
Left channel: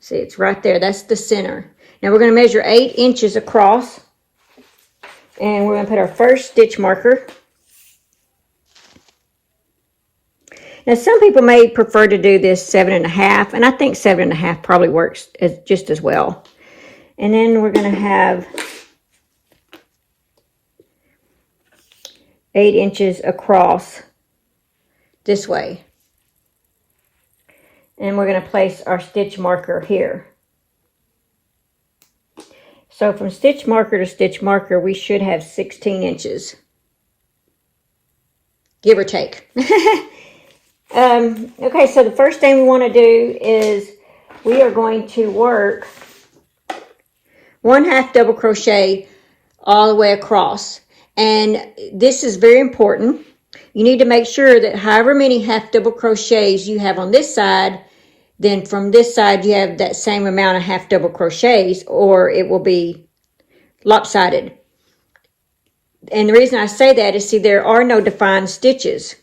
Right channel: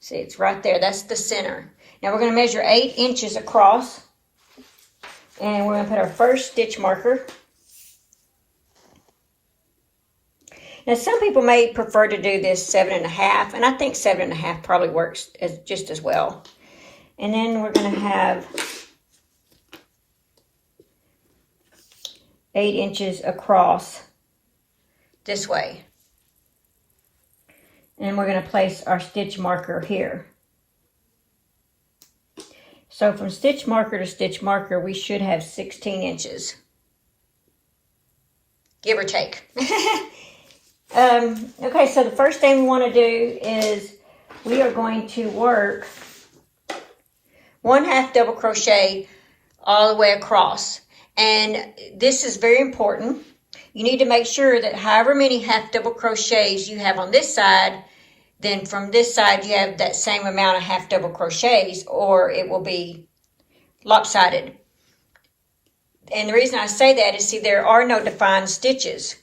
See, it's right there. That's the center. Now we're going to measure 8 inches across. And we're going to put our first stitch marker. Now some people may prefer to do this 7.5. And I think 7.5 probably works just as well. And then we're going to have 8 inches across this way. And we're going to place our stitch marker here. So from stitch marker to stitch marker, we should have 16 inches. Give or take. Okay, so the first thing we want to do is we are going to work 1/2 double crochet all the way across. And this is very important. You need to make sure that however many 1/2 double crochets you have on this side, then from this side you have that same amount of 1/2 double crochets, or it will be lopsided. And the reason I say that is, see, there are no defined stitches.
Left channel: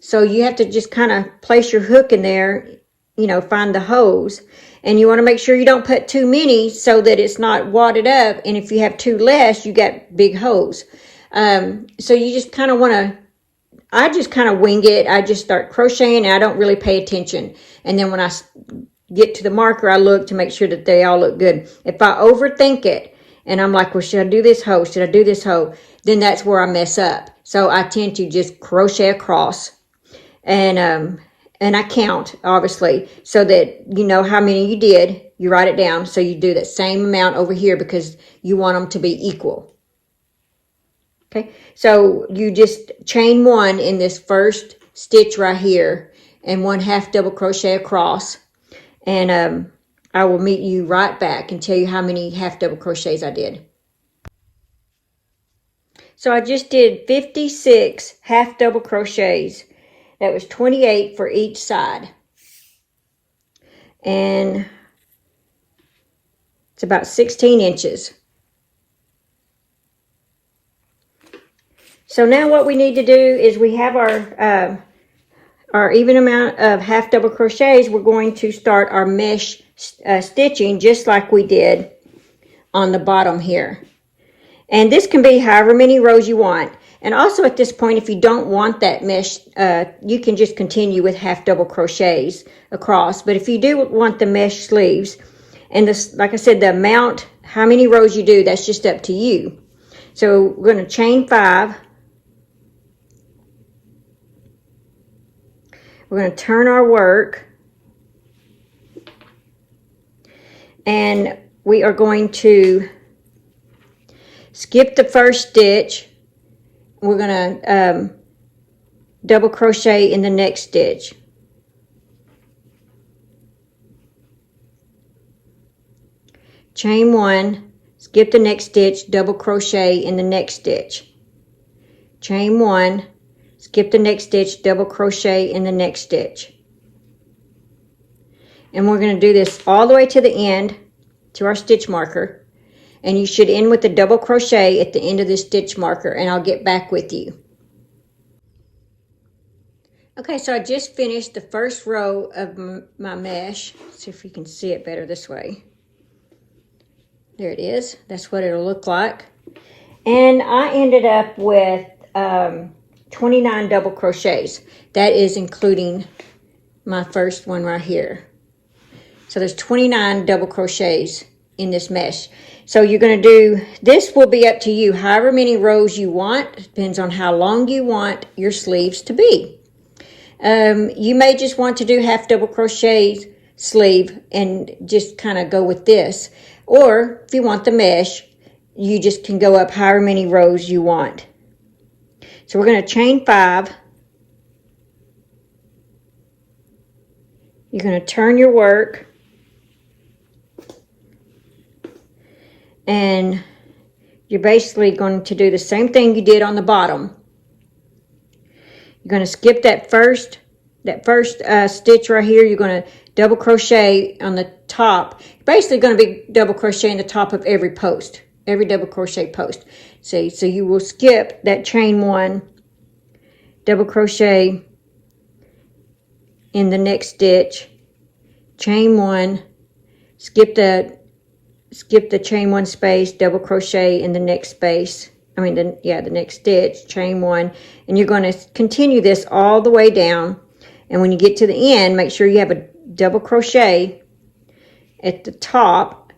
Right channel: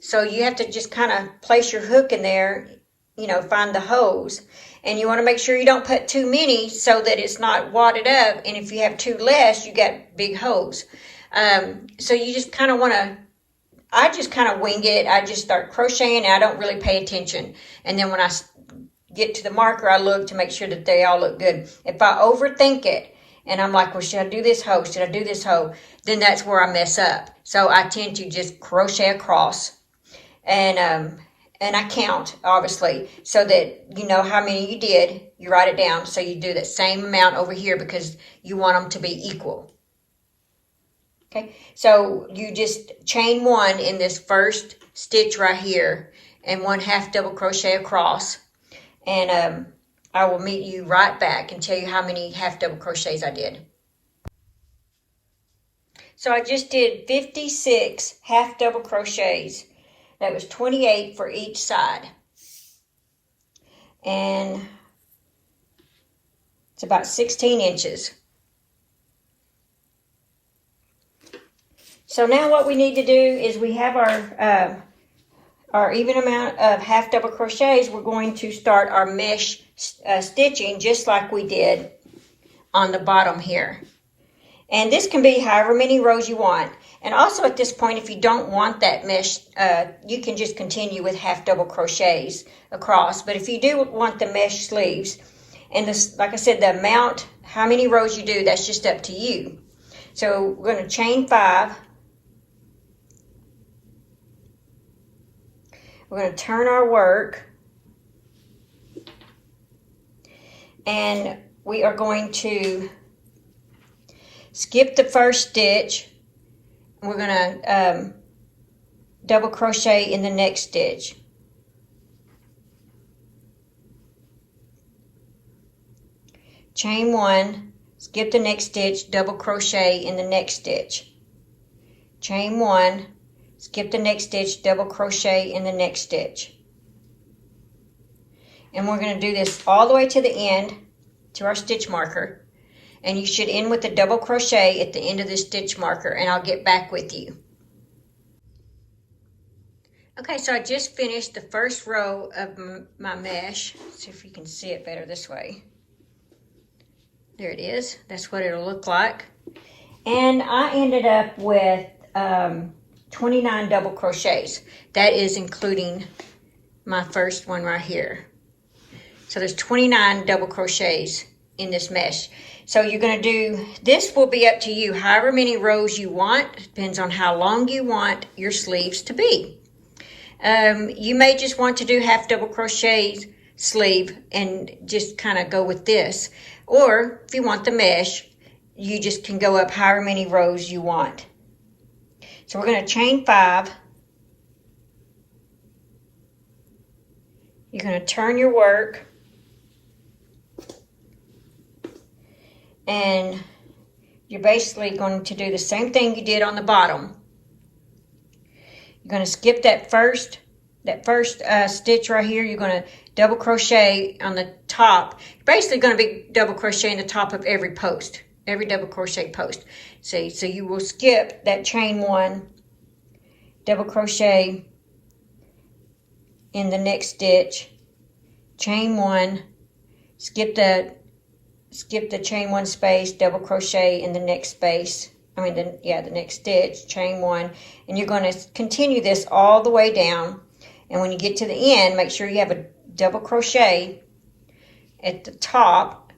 So you have to just kind of place your hook in there, you know, find the hose. And you want to make sure you don't put too many so that it's not wadded up. And if you have too less, you got big hose. So you just kind of want to, I just kind of wing it. I just start crocheting and I don't really pay attention. And then when I get to the marker, I look to make sure that they all look good. If I overthink it and I'm like, well, should I do this hoe? Should I do this hoe? Then that's where I mess up. So I tend to just crochet across and I count, obviously, so that you know how many you did. You write it down. So you do that same amount over here because you want them to be equal. Okay, so you just chain one in this first stitch right here and 1/2 double crochet across, and I will meet you right back and tell you how many 1/2 double crochets I did. So I just did 56 1/2 double crochets. That was 28 for each side, and it's about 16 inches. So now what we need to do is we have our even amount of 1/2 double crochets. We're going to start our mesh stitching just like we did on the bottom here. And this can be however many rows you want. And also at this point, if you don't want that mesh, you can just continue with half double crochets across. But if you do want the mesh sleeves, and this, like I said, the amount, how many rows you do, that's just up to you. So we're going to chain 5. We're going to turn our work, and we are going to skip the first stitch. We're going to double crochet in the next stitch. Chain 1, skip the next stitch, double crochet in the next stitch. Chain 1, skip the next stitch, double crochet in the next stitch. And we're going to do this all the way to the end, to our stitch marker. And you should end with a double crochet at the end of the stitch marker, and I'll get back with you. Okay, so I just finished the first row of my mesh. Let's see if we can see it better this way. There it is. That's what it'll look like. And I ended up with 29 double crochets. That is including my first one right here. So there's 29 double crochets in this mesh. So you're going to do, this will be up to you, however many rows you want. Depends on how long you want your sleeves to be. You may just want to do half double crochet sleeve and just kind of go with this. Or if you want the mesh, you just can go up however many rows you want. So we're going to chain 5. You're going to turn your work. And you're basically going to do the same thing you did on the bottom. You're going to skip that first stitch right here. You're going to double crochet on the top. You're basically going to be double crocheting the top of every post, every double crochet post. See, so you will skip that chain 1, double crochet in the next stitch, chain 1, skip the chain 1 space, double crochet in the next space. The next stitch, chain 1, and you're going to continue this all the way down. And when you get to the end, make sure you have a double crochet at the top.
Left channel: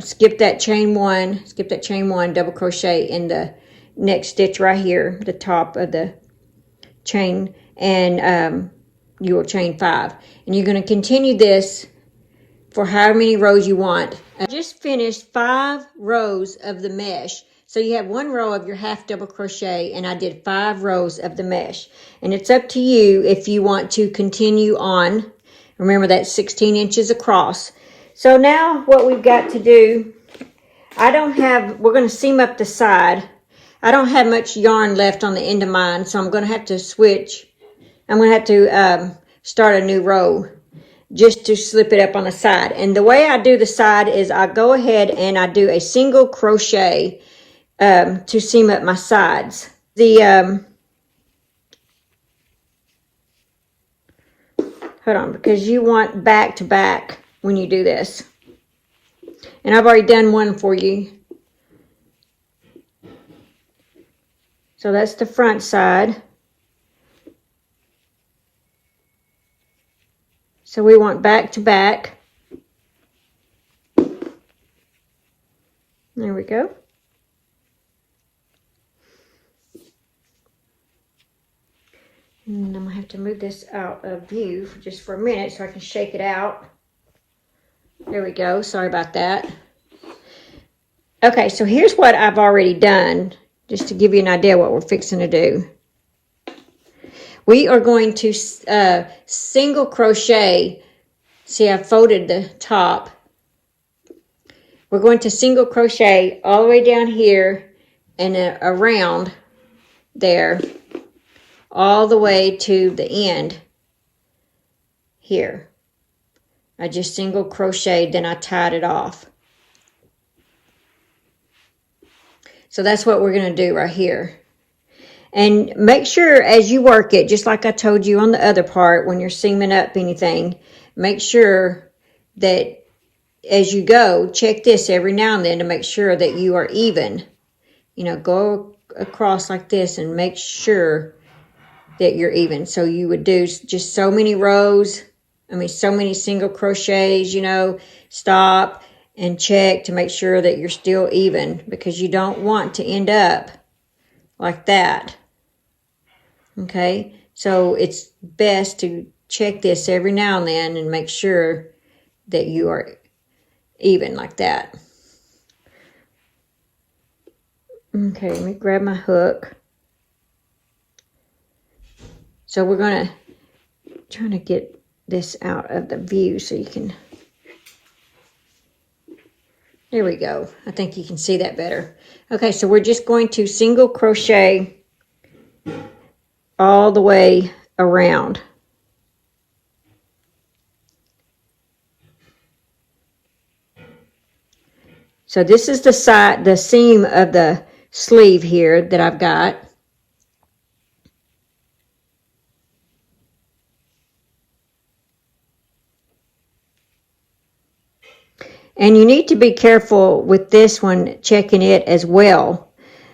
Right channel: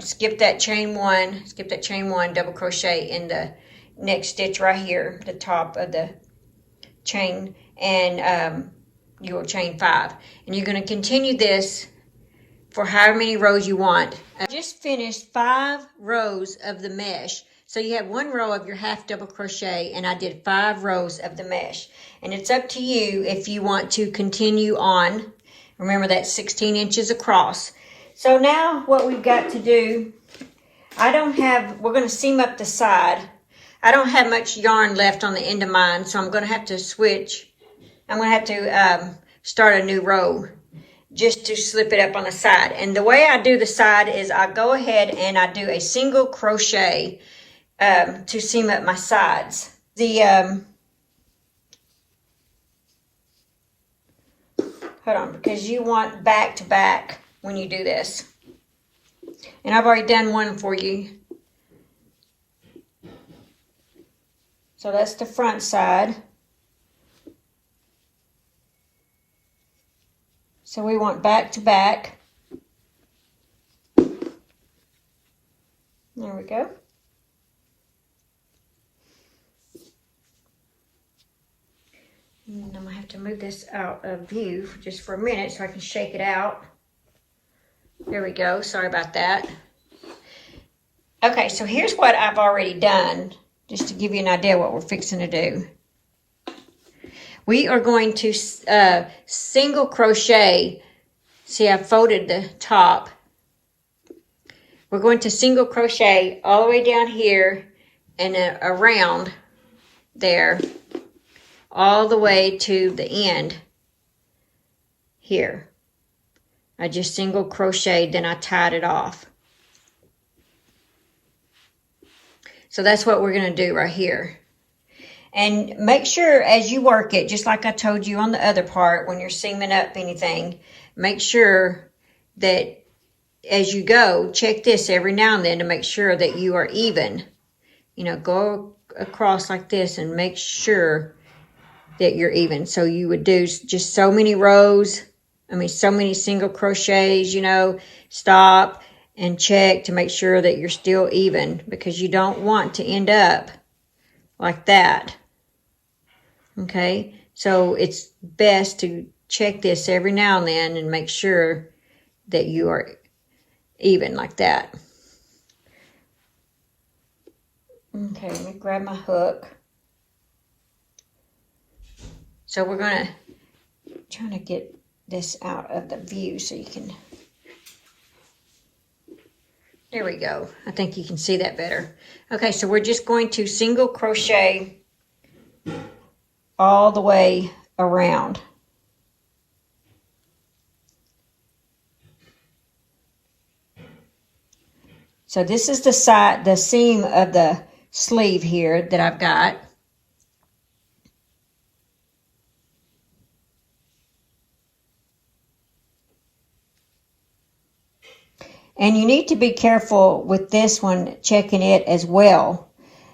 Skip that chain 1, double crochet in the next stitch right here, the top of the chain, and you will chain 5. And you're going to continue this for however many rows you want. I just finished 5 rows of the mesh. So you have 1 row of your half double crochet, and I did 5 rows of the mesh. And it's up to you if you want to continue on. Remember, that's 16 inches across. So now what we've got to do, we're going to seam up the side. I don't have much yarn left on the end of mine, so I'm going to have to switch. I'm going to have to start a new row just to slip it up on the side. And the way I do the side is I go ahead and I do a single crochet to seam up my sides. Hold on, because you want back to back when you do this. And I've already done one for you. So that's the front side. So we want back to back. There we go. And I'm going to have to move this out of view just for a minute so I can shake it out. There we go. Sorry about that. Okay, so here's what I've already done, just to give you an idea what we're fixing to do. We are going to single crochet. See, I folded the top. We're going to single crochet all the way down here and around there, all the way to the end here. I just single crocheted, then I tied it off. So that's what we're going to do right here. And make sure as you work it, just like I told you on the other part, when you're seaming up anything, make sure that as you go, check this every now and then to make sure that you are even. you know, go across like this and make sure that you're even. So you would do just so many rows, so many single crochets, you know, stop and check to make sure that you're still even, because you don't want to end up like that. Okay, so it's best to check this every now and then and make sure that you are even like that. Okay, let me grab my hook. So we're going to try to get this out of the view so you can, there we go. I think you can see that better. Okay, so we're just going to single crochet all the way around. So this is the side, the seam of the sleeve here that I've got. And you need to be careful with this one, checking it as well,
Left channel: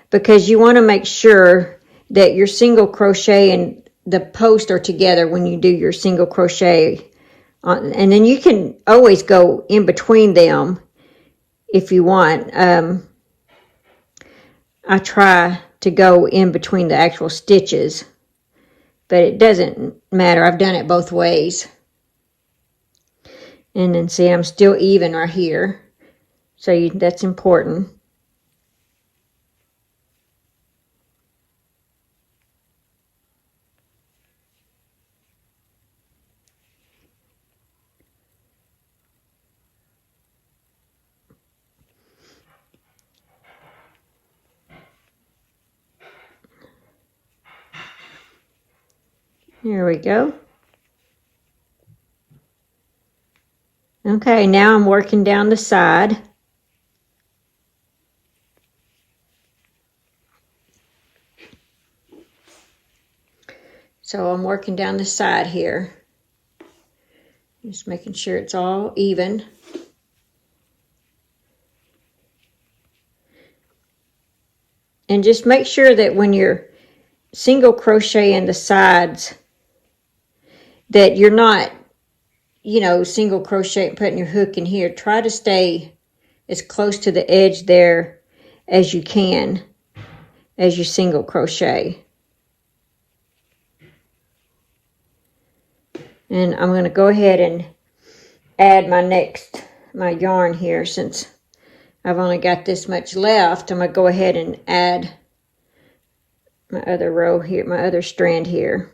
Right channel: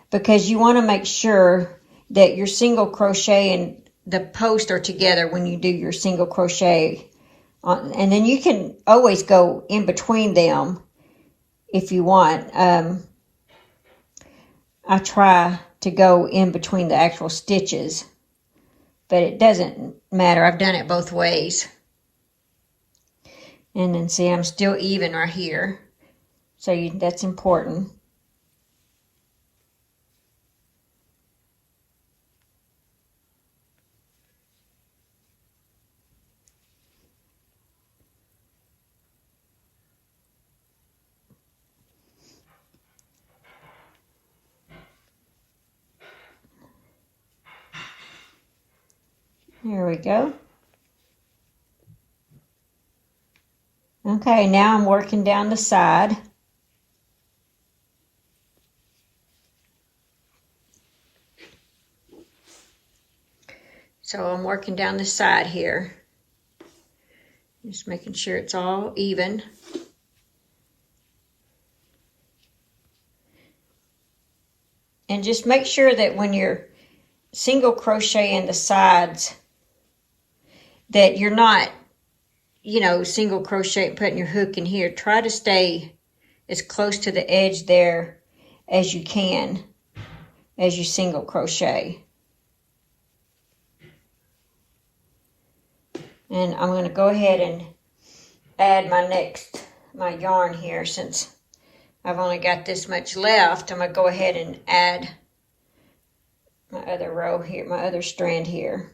because you want to make sure that your single crochet and the post are together when you do your single crochet. And then you can always go in between them if you want. I try to go in between the actual stitches, but it doesn't matter. I've done it both ways. And then see, I'm still even right here. So that's important. Here we go. Okay, now I'm working down the side. So I'm working down the side here. Just making sure it's all even. And just make sure that when you're single crocheting the sides, that you're not, you know, single crochet, putting your hook in here. Try to stay as close to the edge there as you can as you single crochet. And I'm going to go ahead and add my yarn here. Since I've only got this much left, I'm going to go ahead and add my other row here, my other strand here.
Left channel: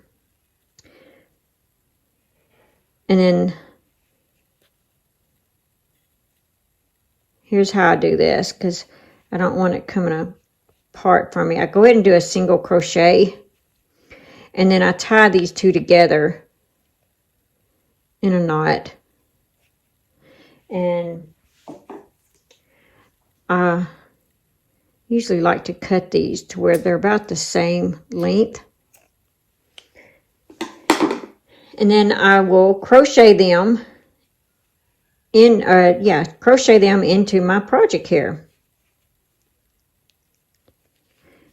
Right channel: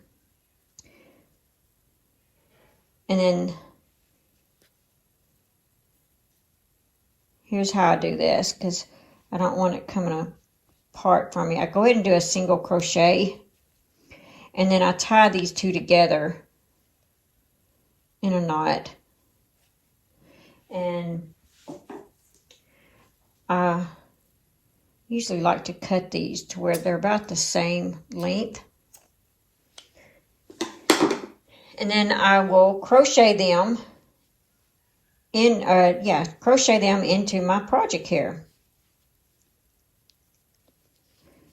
And then here's how I do this, because I don't want it coming apart from me. I go ahead and do a single crochet, and then I tie these two together in a knot. And I usually like to cut these to where they're about the same length. And then I will crochet them crochet them into my project here.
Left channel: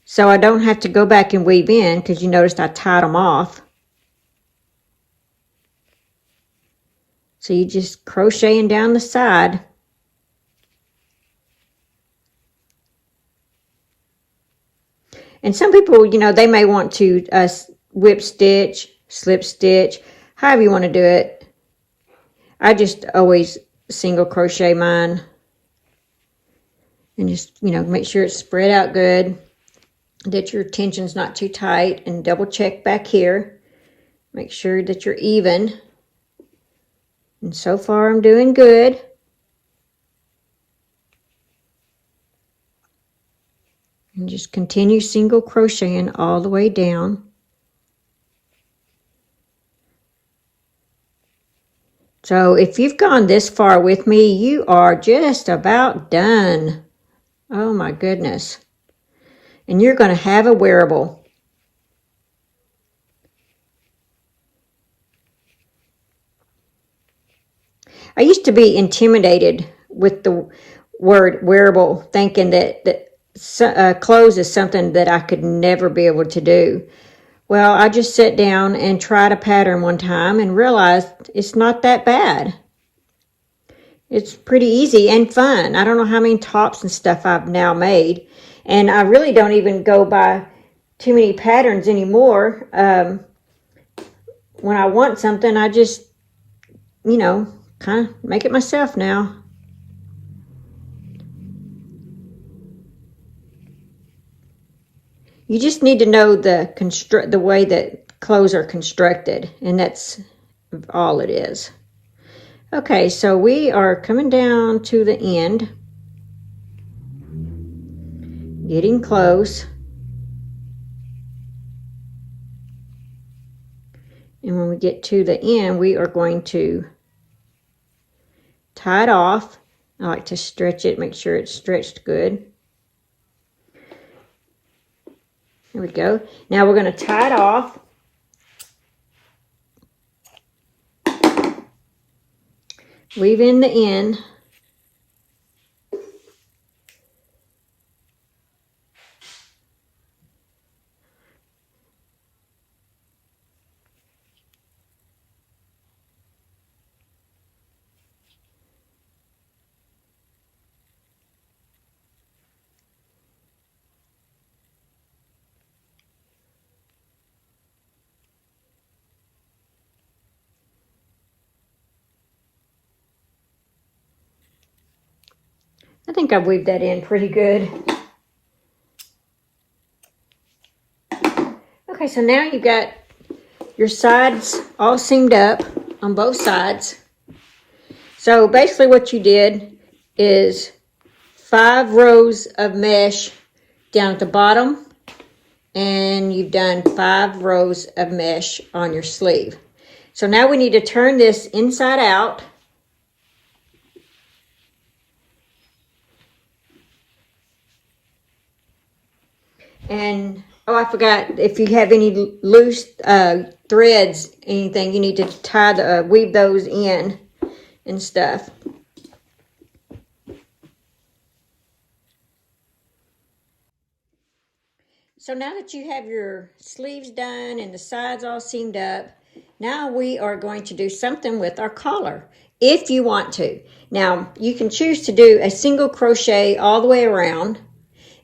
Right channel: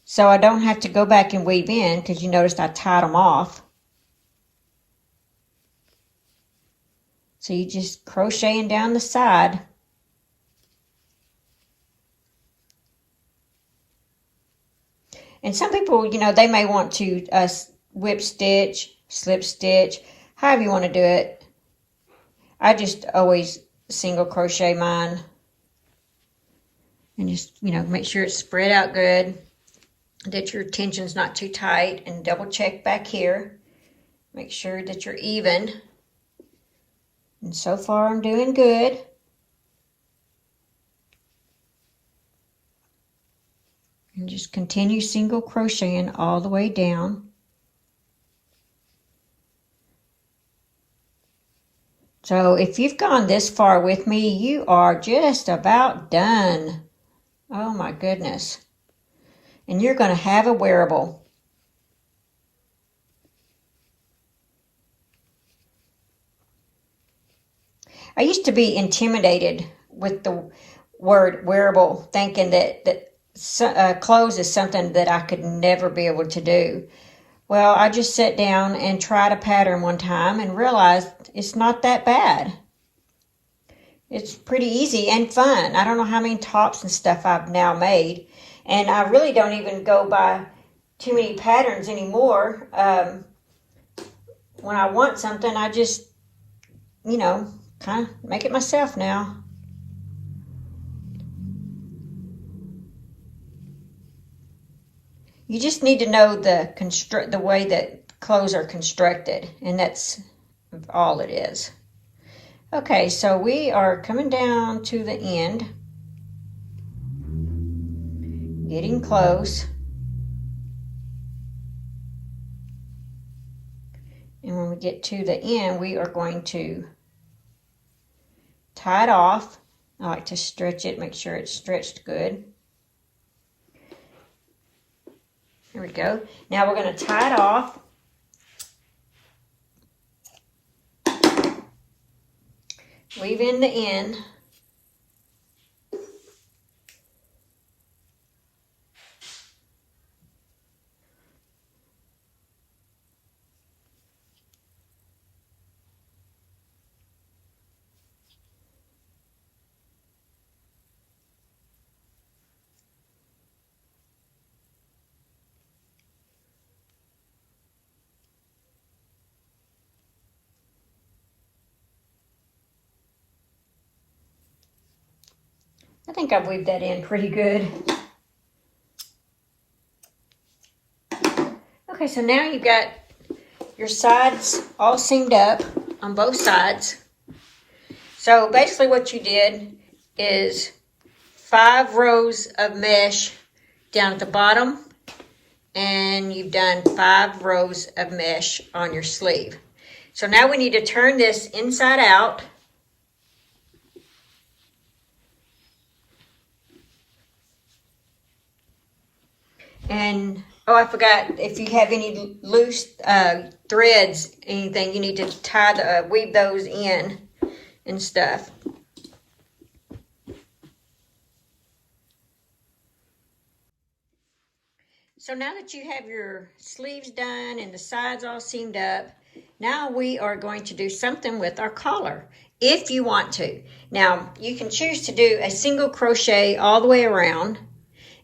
So I don't have to go back and weave in, because you noticed I tied them off. So you just crocheting down the side. And some people, you know, they may want to whip stitch, slip stitch, however you want to do it. I just always single crochet mine. And just, you know, make sure it's spread out good, that your tension's not too tight, and double check back here. Make sure that you're even. And so far I'm doing good. And just continue single crocheting all the way down. So if you've gone this far with me, you are just about done. Oh my goodness. And you're going to have a wearable. I used to be intimidated with the word wearable, thinking that clothes is something that I could never be able to do. Well, I just sat down and tried a pattern one time and realized it's not that bad. It's pretty easy and fun. I don't know how many tops and stuff I've now made. And I really don't even go by too many patterns anymore. When I want something, I just, you know, kind of make it myself now. You just need to know the way that clothes are constructed, and that's all it is. Okay, so we are coming down to the end, getting close. And when we get to the end, we are going to tie it off. I like to stretch it, make sure it's stretched good. There we go. Now we're going to tie it off. Weave in the end. I think I've weaved that in pretty good. Okay, so now you got your sides all seamed up on both sides. So basically what you did is 5 rows of mesh down at the bottom, and you've done 5 rows of mesh on your sleeve. So now we need to turn this inside out. And, oh, I forgot, if you have any loose threads, anything, you need to weave those in and stuff. So now that you have your sleeves done and the sides all seamed up, now we are going to do something with our collar, if you want to. Now, you can choose to do a single crochet all the way around.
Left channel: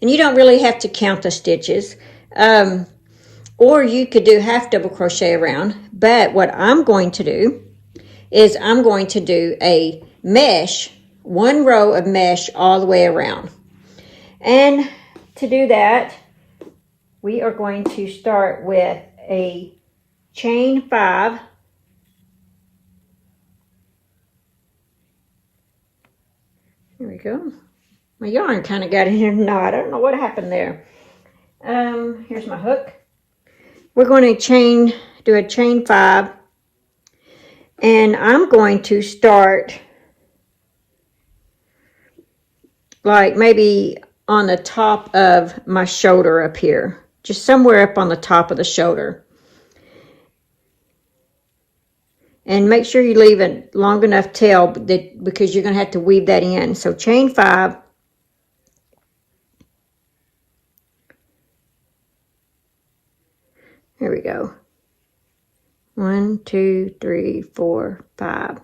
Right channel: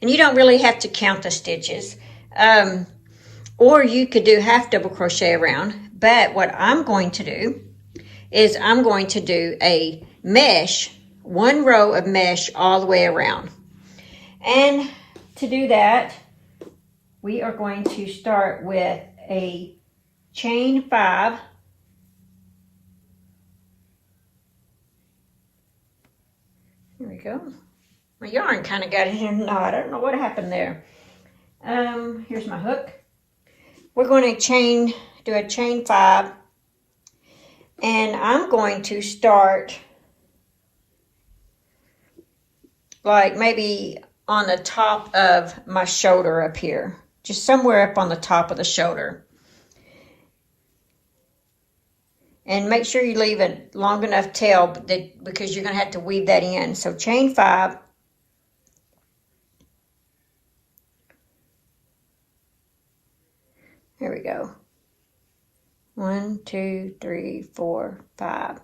And you don't really have to count the stitches. Or you could do half double crochet around. But what I'm going to do is I'm going to do a mesh, 1 row of mesh all the way around. And to do that, we are going to start with a chain 5. Here we go. My yarn kind of got in a knot. I don't know what happened there. Here's my hook. We're going to do a chain 5. And I'm going to start like maybe on the top of my shoulder up here. Just somewhere up on the top of the shoulder. And make sure you leave a long enough tail because you're going to have to weave that in. So chain 5. There we go. 1, 2, 3, 4, 5.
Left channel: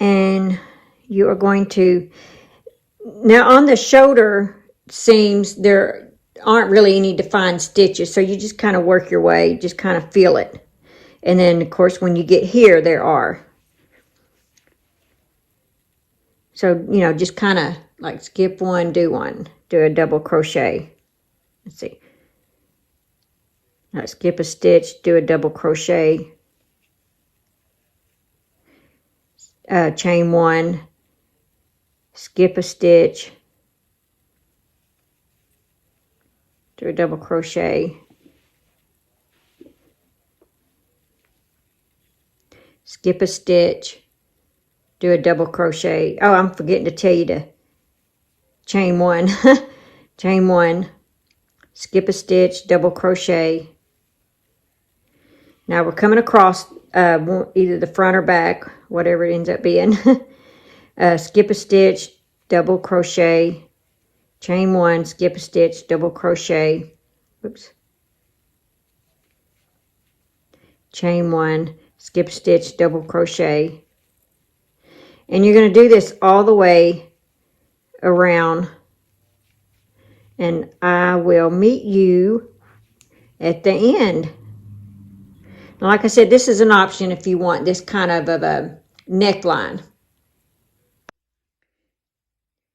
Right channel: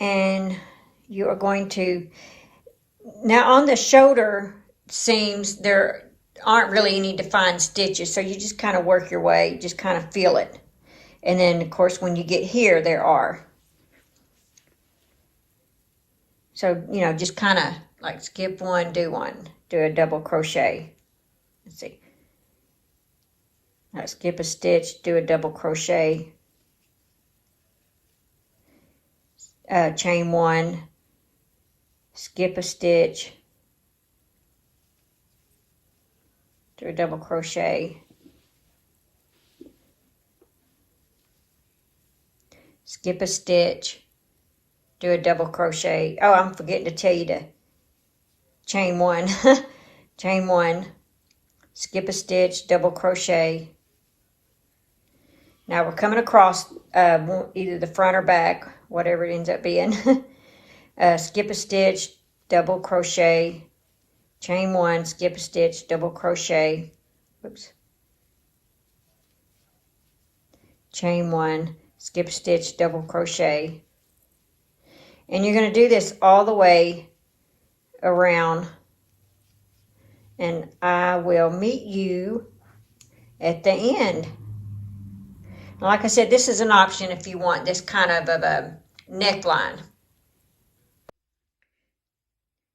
And you are going to, now on the shoulder seams, there aren't really any defined stitches. So you just kind of work your way, just kind of feel it. And then of course when you get here, there are. So, you know, just kind of like skip 1, do 1, do a double crochet. Let's see. Now skip a stitch, do a double crochet, chain 1, skip a stitch, do a double crochet, skip a stitch, do a double crochet. Oh, I'm forgetting to tell you to chain 1, chain 1, skip a stitch, double crochet. Now we're coming across either the front or back, whatever it ends up being. Skip a stitch, double crochet, chain 1, skip a stitch, double crochet, oops, chain 1, skip a stitch, double crochet, and you're going to do this all the way around, and I will meet you at the end. And like I said, this is an option if you want this kind of a neckline.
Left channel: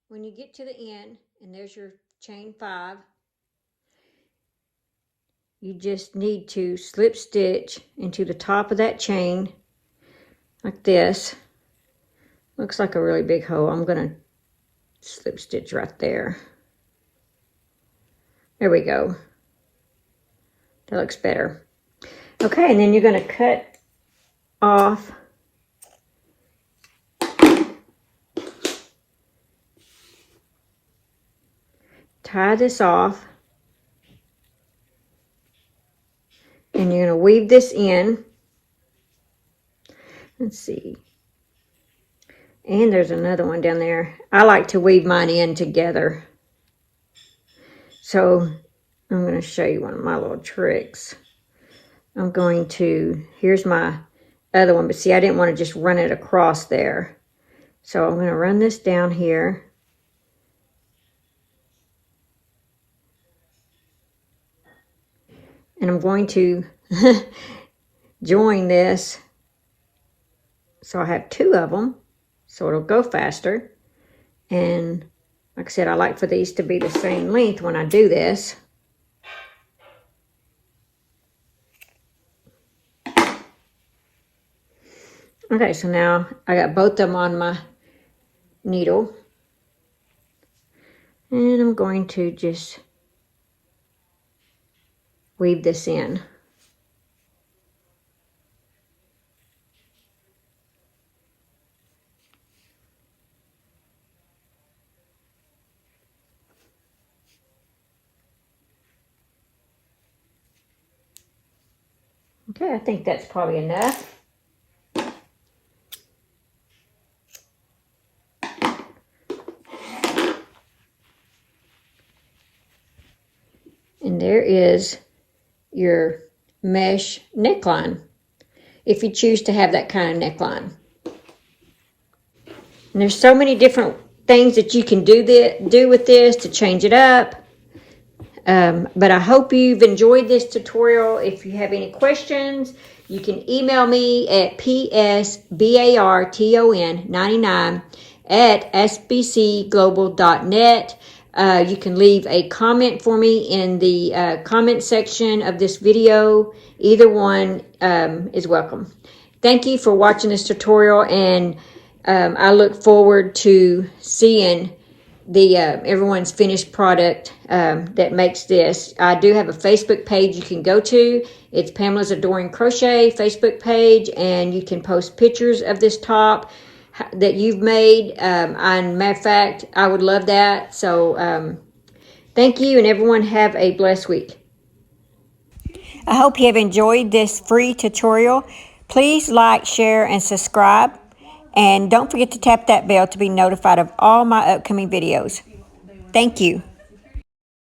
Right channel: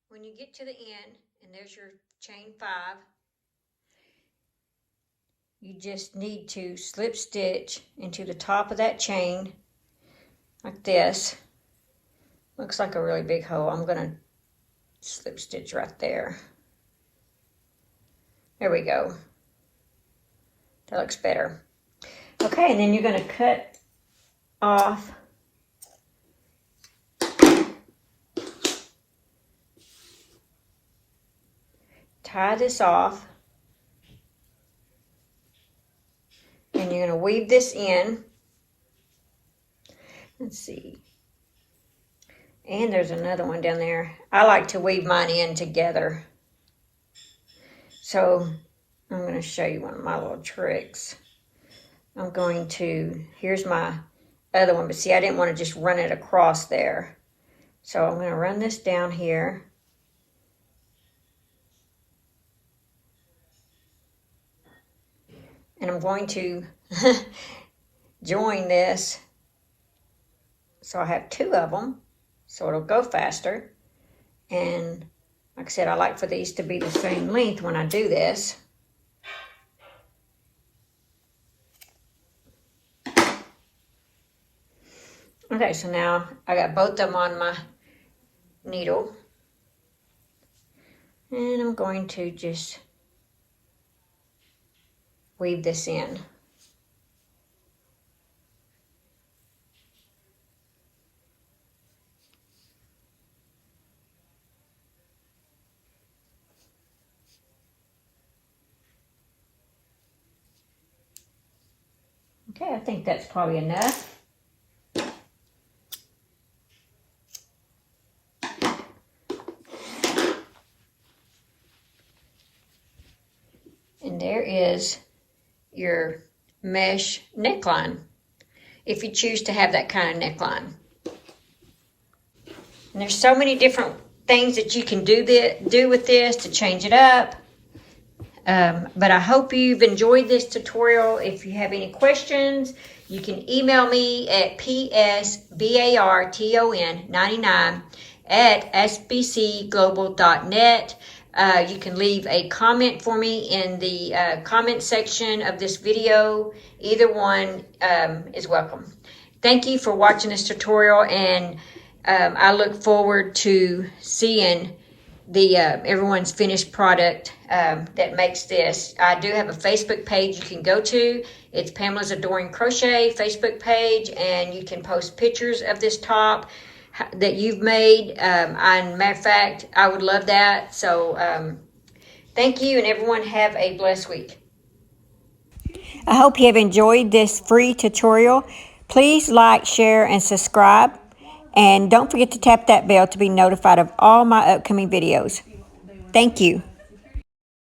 When you get to the end, and there's your chain 5, you just need to slip stitch into the top of that chain like this. Looks like a really big hole. I'm going to slip stitch right there. There we go. That looks better. Okay, and then you're going to cut off tie this off, and you're going to weave this in. Let's see. And there's another one down there. I like to weave mine in together. So I'm going to show you one of my little tricks. I'm going to, here's my other one, but see, I didn't want to just run it across there. So I'm going to run this down here. And I'm going to join this. So I have 2 of them, so it'll go faster. And like I said, I like for these to be the same length when I do this. Okay, so now I got both of them on my needle. And I'm going to just weave this in. Okay, I think that's probably enough. And there is your mesh neckline, if you choose to have that kind of neckline. And there's so many different things that you can do with this to change it up. But I hope you've enjoyed this tutorial. If you have any questions, you can email me at psbarton99@sbcglobal.net. You can leave a comment for me in the comment section of this video. Either one is welcome. Thank you for watching this tutorial, and I look forward to seeing the everyone's finished product that makes this. I do have a Facebook page you can go to. It's Pamela's Adoring Crochet Facebook page, and you can post pictures of this top that you've made. And matter of fact, I would love that. So thank you, and everyone have a blessed week. I hope you have enjoyed this free tutorial. Please like, share, and subscribe. And don't forget to tap that bell to be notified of all my upcoming videos. Thank you.